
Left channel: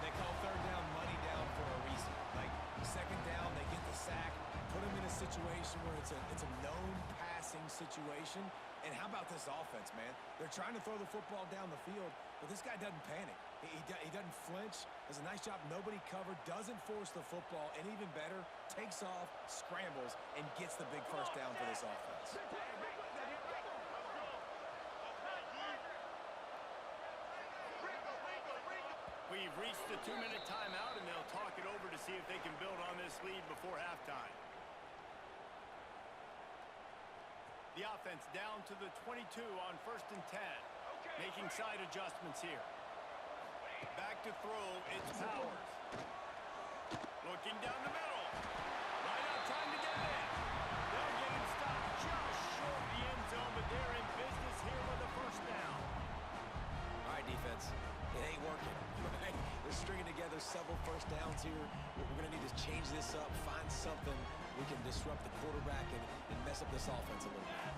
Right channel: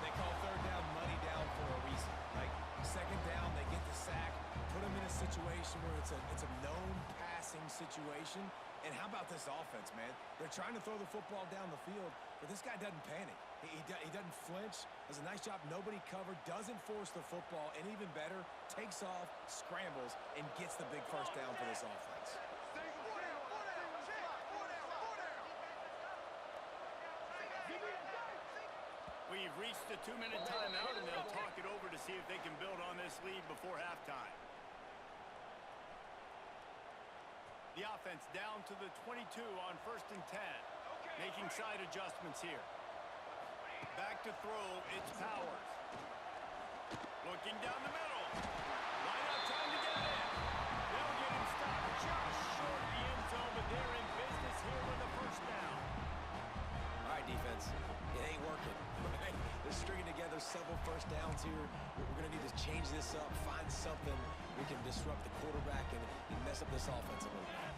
They call 3rd down money down for a reason. Like 2nd down, they get the sack, put them in a situation where it's a known passing situation. And how about this offense, man? They're trying to throw the football down the field, but this guy doesn't panic. He doesn't flinch. Does a nice job. Nobody covered. Doesn't force the football. And even better, takes off, scrambles, and gets the big first down for this offense. We've reached the 2-minute timeout, and they'll talk it over to see if they can build on this lead before halftime. The offense down to the 22 on 1st and 10. Making side adjustments here. Back to throw, it's Powers. Looking down the middle. Line out trying to get it in. They'll get him stopped just short of the end zone, but they're in business here with a 1st down. All right, defense. It ain't working, right? They're stringing together several 1st downs here. We're going to need to change this up, find something we can disrupt the quarterback and mess up this offense a little bit.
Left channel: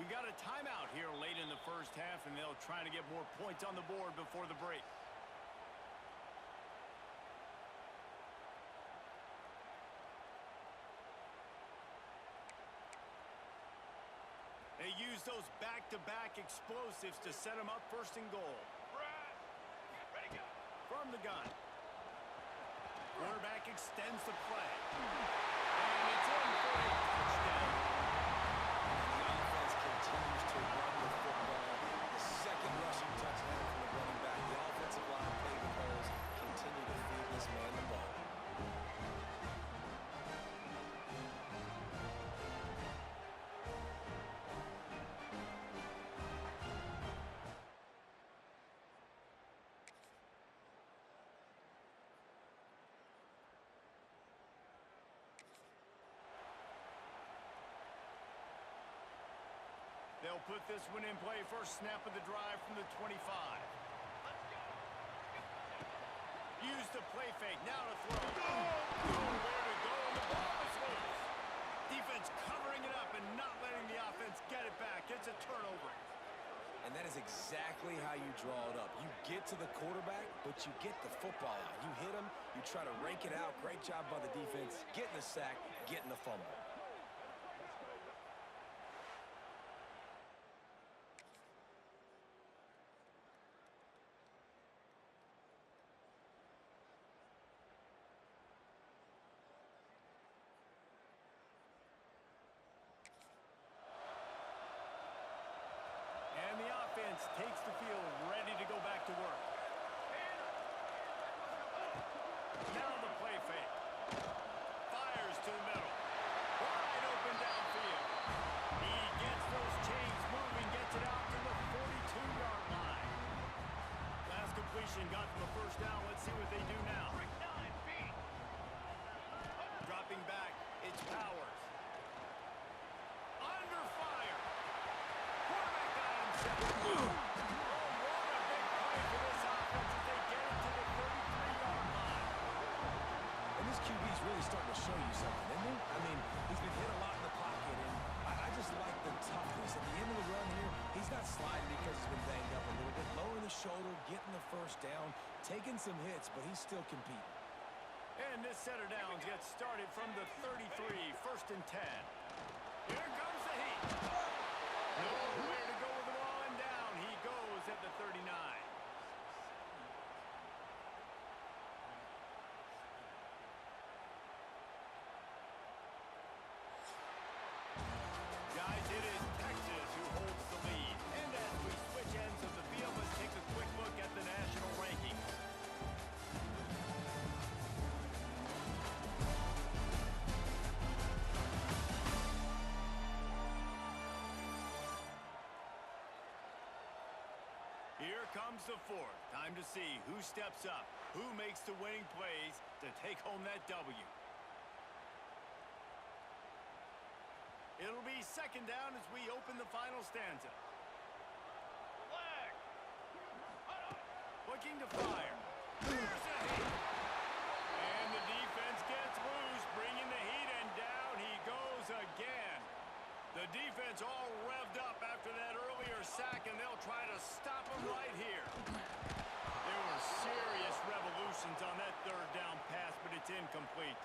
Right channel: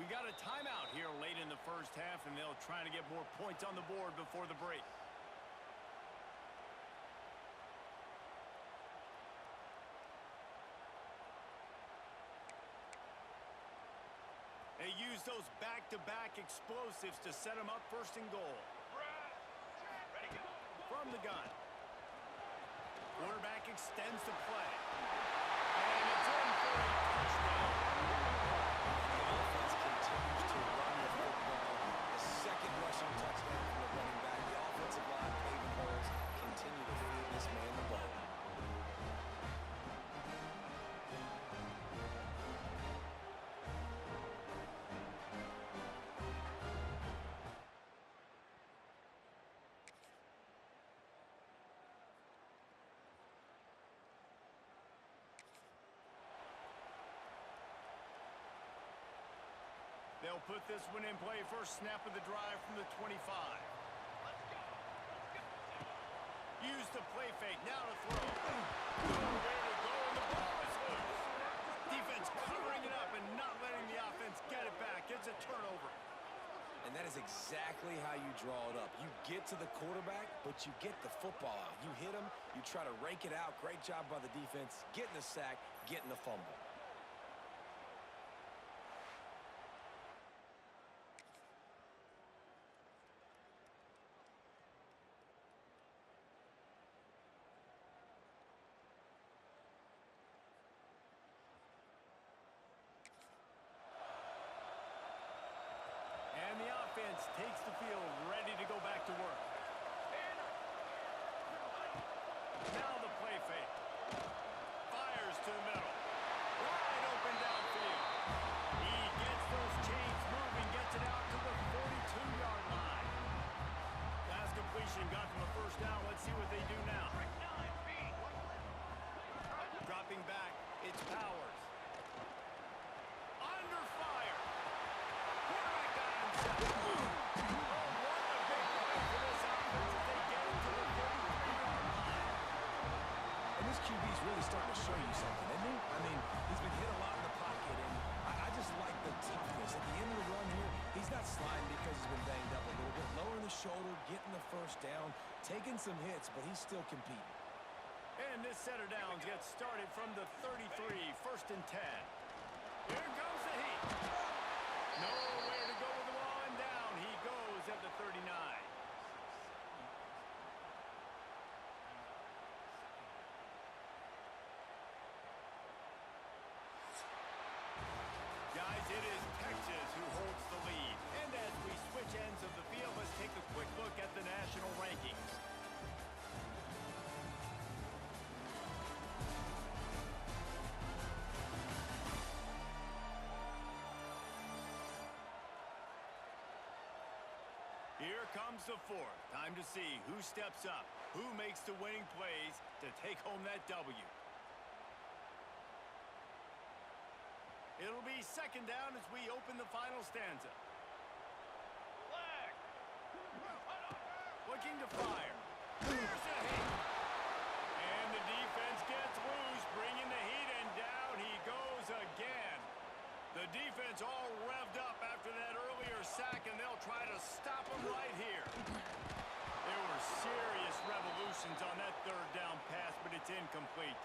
We got a timeout here late in the 1st half, and they'll try to get more points on the board before the break. They use those back-to-back explosives to set them up 1st and goal. From the gun. Quarterback extends the play. And it's in for a touchdown. And the offense continues to run the football. The 2nd rushing touchdown from the running back. The offensive line paving holes. Continue to feed this man the ball. They'll put this one in play. First snap of the drive from the 25. Use the play fake. Now to throw. Nowhere to go, and the ball is loose. Defense covering it up and not letting the offense get it back. It's a turnover. And that is exactly how you draw it up. You get to the quarterback, but you get the football out. You hit him, you try to rake it out. Great job by the defense. Getting the sack, getting the fumble. And the offense takes the field, ready to go back to work. Now the play fake. Fires to the middle. Wide open downfield. He gets those chains moving, gets it out to the 42-yard line. Last completion got them a 1st down. Let's see what they do now. Dropping back, it's Powers. Under fire. Quarterback got himself. Oh, this QB's really starting to show you something, isn't he? I mean, he's been hit a lot in the pocket, and I just like the toughness. At the end of the run here, he's not sliding because he's been banged up a little bit. Lowering the shoulder, getting the first down, taking some hits, but he's still competing. And this set of downs gets started from the 33, 1st and 10. Here comes the heat. Nowhere to go with the ball, and down he goes at the 39. Guys, it is Texas who holds the lead. And as we switch ends of the field, let's take a quick look at the national rankings. Here comes the fourth. Time to see who steps up, who makes the winning plays to take home that W. It'll be 2nd down as we open the final stanza. Looking to fire. Here's a hit. And the defense gets loose, bringing the heat, and down he goes again. The defense all revved up after that earlier sack, and they'll try to stop him right here. There were serious revolutions on that 3rd down pass, but it's incomplete.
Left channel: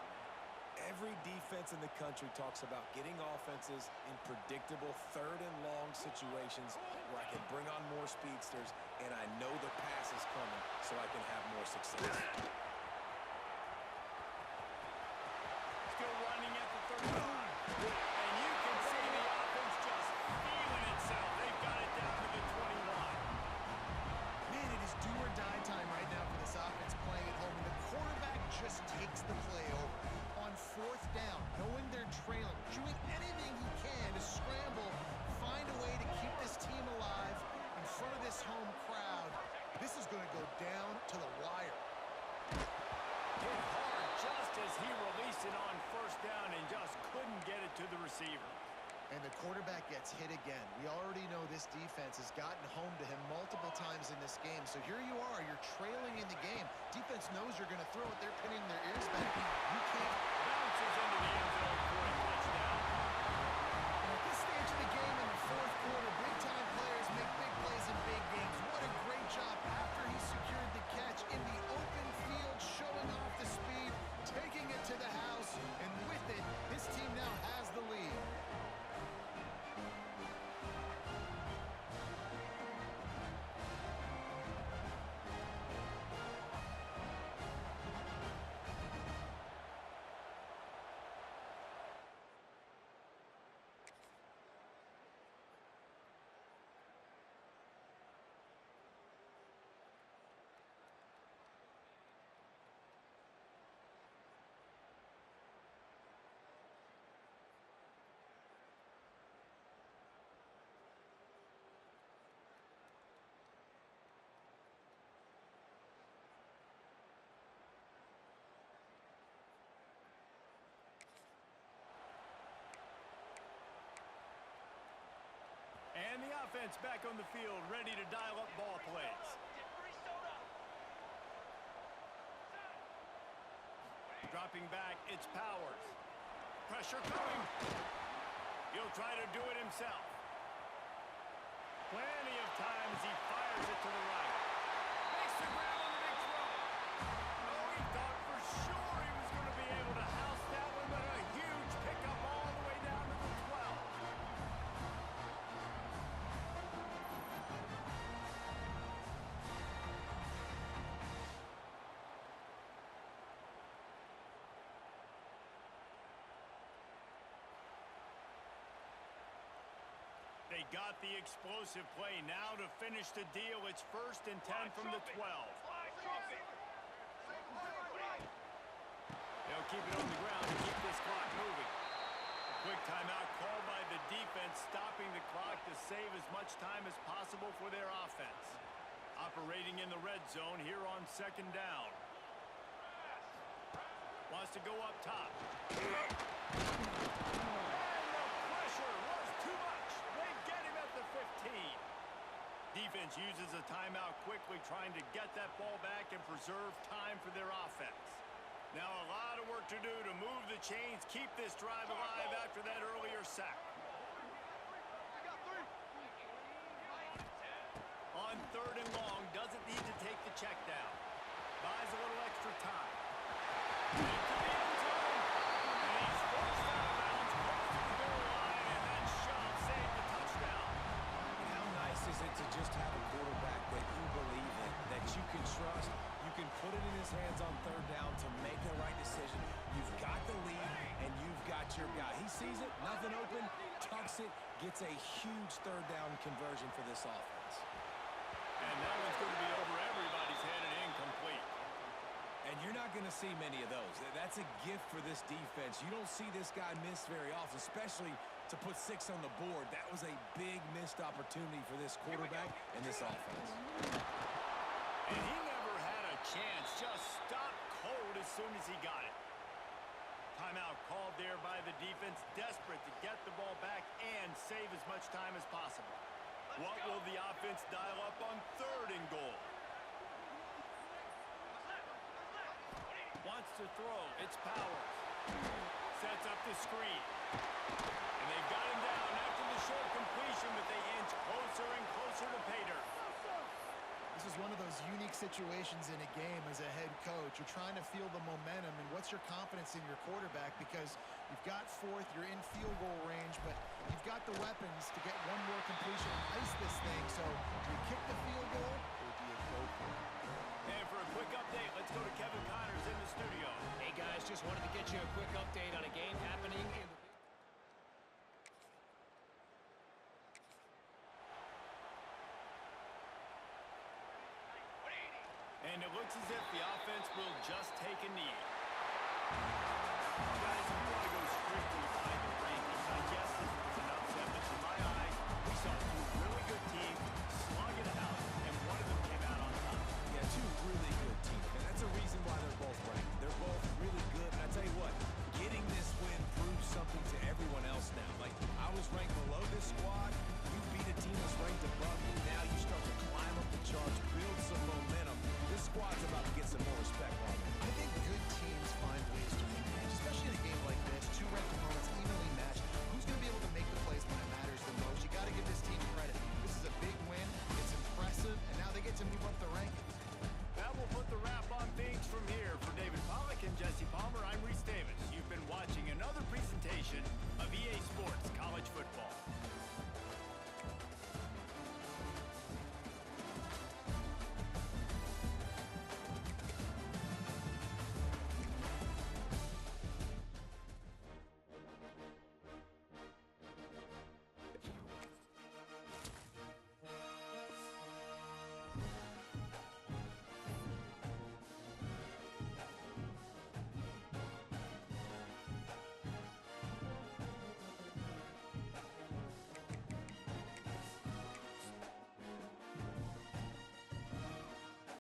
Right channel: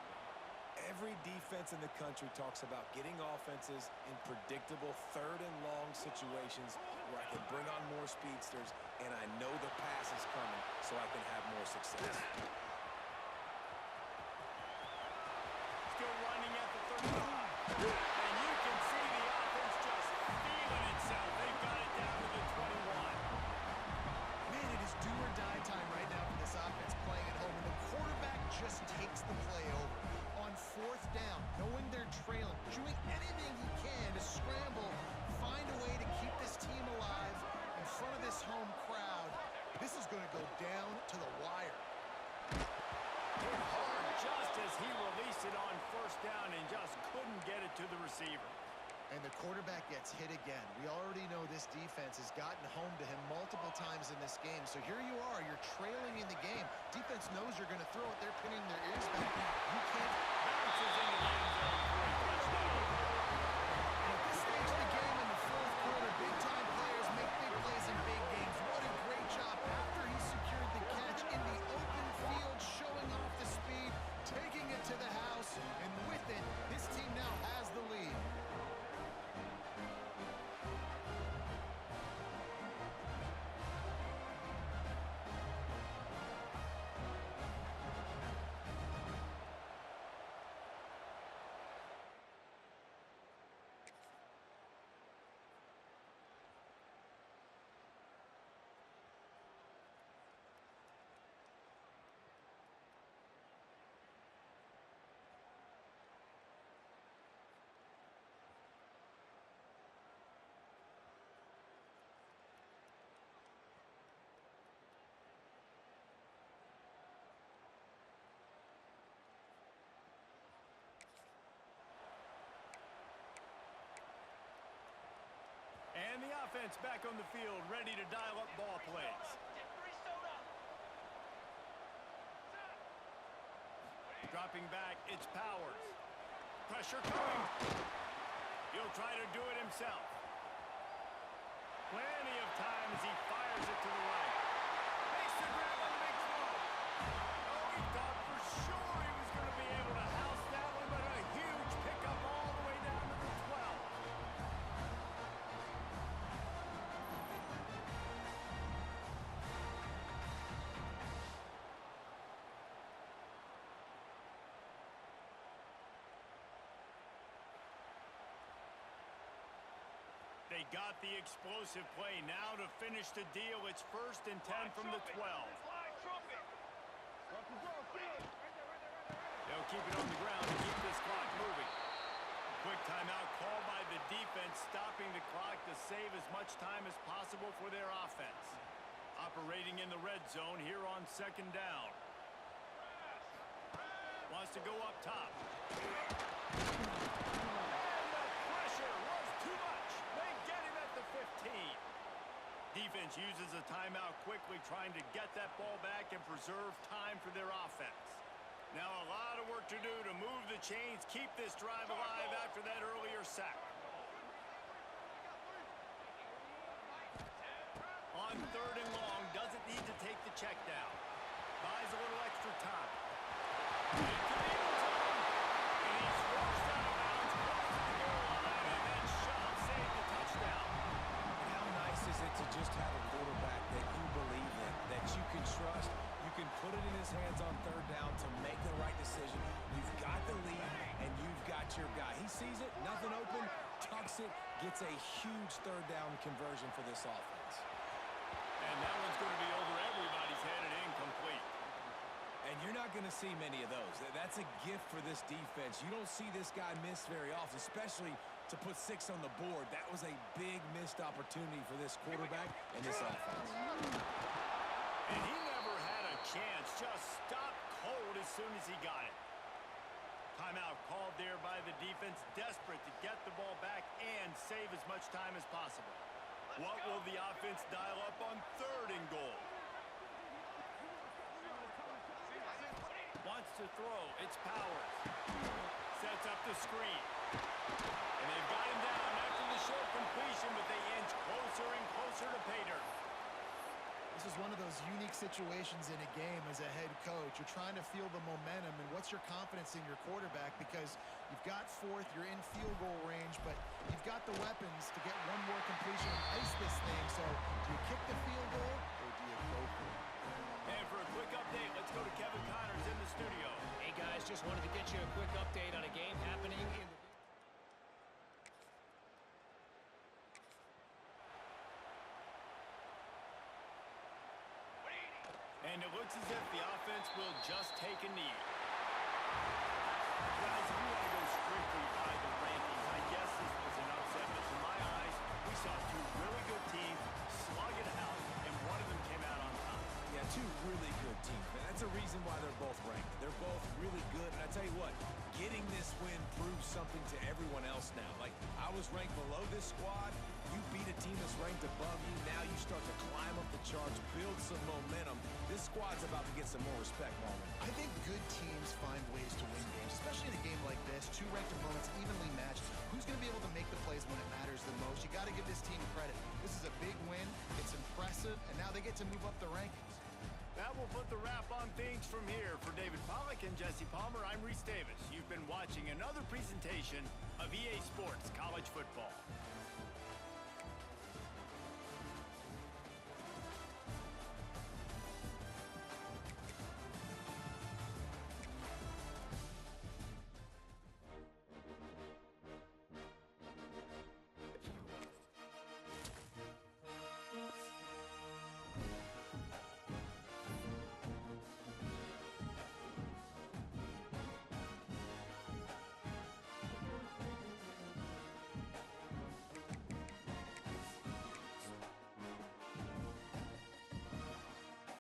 Every defense in the country talks about getting offenses in predictable 3rd and long situations where I can bring on more speedsters and I know the pass is coming so I can have more success. Still running at the 35. And you can see the offense just feeling itself. They've got it down to the 21. Man, it is do or die time right now for this offense playing at home, and the quarterback just takes the play over. On 4th down, knowing they're trailing, doing anything he can to scramble, find a way to keep this team alive in front of this home crowd. This is going to go down to the wire. Hit hard just as he released it on 1st down and just couldn't get it to the receiver. And the quarterback gets hit again. We already know this defense has gotten home to him multiple times in this game. So here you are, you're trailing in the game. Defense knows you're going to throw it. They're pinning their ears back. You can't. Bounces into the end zone for a touchdown. And at this stage of the game in the 4th quarter, big-time players make big plays in big games. What a great job after he secured the catch in the open field, showing off the speed, taking it to the house, and with it, his team now has the lead. And the offense back on the field, ready to dial up ball plays. Dropping back, it's Powers. Pressure coming. He'll try to do it himself. Plenty of time as he fires it to the right. Makes the grab on the big throw. Oh, he thought for sure he was going to be able to house that one, but a huge pickup all the way down to the 12. They got the explosive play. Now to finish the deal, it's 1st and 10 from the 12. They'll keep it on the ground to keep this clock moving. Quick timeout called by the defense, stopping the clock to save as much time as possible for their offense. Operating in the red zone here on 2nd down. Wants to go up top. And the pressure was too much. They get him at the 15. Defense uses a timeout quickly, trying to get that ball back and preserve time for their offense. Now a lot of work to do to move the chains, keep this drive alive after that earlier sack. On 3rd and long, doesn't need to take the check down. Buys a little extra time. Into the end zone, and he's forced out of bounds, close to the goal line, and that shove saved the touchdown. And how nice is it to just have a quarterback that you believe in, that you can trust, you can put it in his hands on 3rd down to make the right decision. You've got the lead, and you've got your guy. He sees it, nothing open, tucks it, gets a huge 3rd down conversion for this offense. And that one's going to be over everybody's head and incomplete. And you're not going to see many of those. That's a gift for this defense. You don't see this guy miss very often, especially to put 6 on the board. That was a big missed opportunity for this quarterback and this offense. And he never had a chance. Just stopped cold as soon as he got it. Timeout called there by the defense, desperate to get the ball back and save as much time as possible. What will the offense dial up on 3rd and goal? Wants to throw. It's Powers. Sets up the screen. And they've got him down after the short completion, but they inch closer and closer to pay dirt. This is one of those unique situations in a game as a head coach. You're trying to feel the momentum, and what's your confidence in your quarterback? Because you've got 4th, you're in field goal range, but you've got the weapons to get one more completion and ice this thing. So do you kick the field goal, or do you go for it? And for a quick update, let's go to Kevin Connors in the studio. Hey, guys, just wanted to get you a quick update on a game happening in the... And it looks as if the offense will just take a knee. Guys, if you want to go strictly by the rankings, I guess this was an upset, but to my eyes, we saw 2 really good teams slug it out, and one of them came out on top. Yeah, 2 really good teams, man. That's a reason why they're both ranked. They're both really good, and I tell you what, getting this win proves something to everyone else now. Like, I was ranked below this squad. You beat a team that's ranked above you. Now you start to climb up the charts, build some momentum. This squad's about to get some more respect, Roman. I think good teams find ways to win games, especially in a game like this. 2 ranked opponents evenly matched. Who's going to be able to make the plays when it matters the most? You got to give this team credit. This is a big win. It's impressive, and now they get to move up the rankings. That will put the wrap on things from here. For David Pollack and Jesse Palmer, I'm Reese Davis. You've been watching another presentation of EA Sports College Football.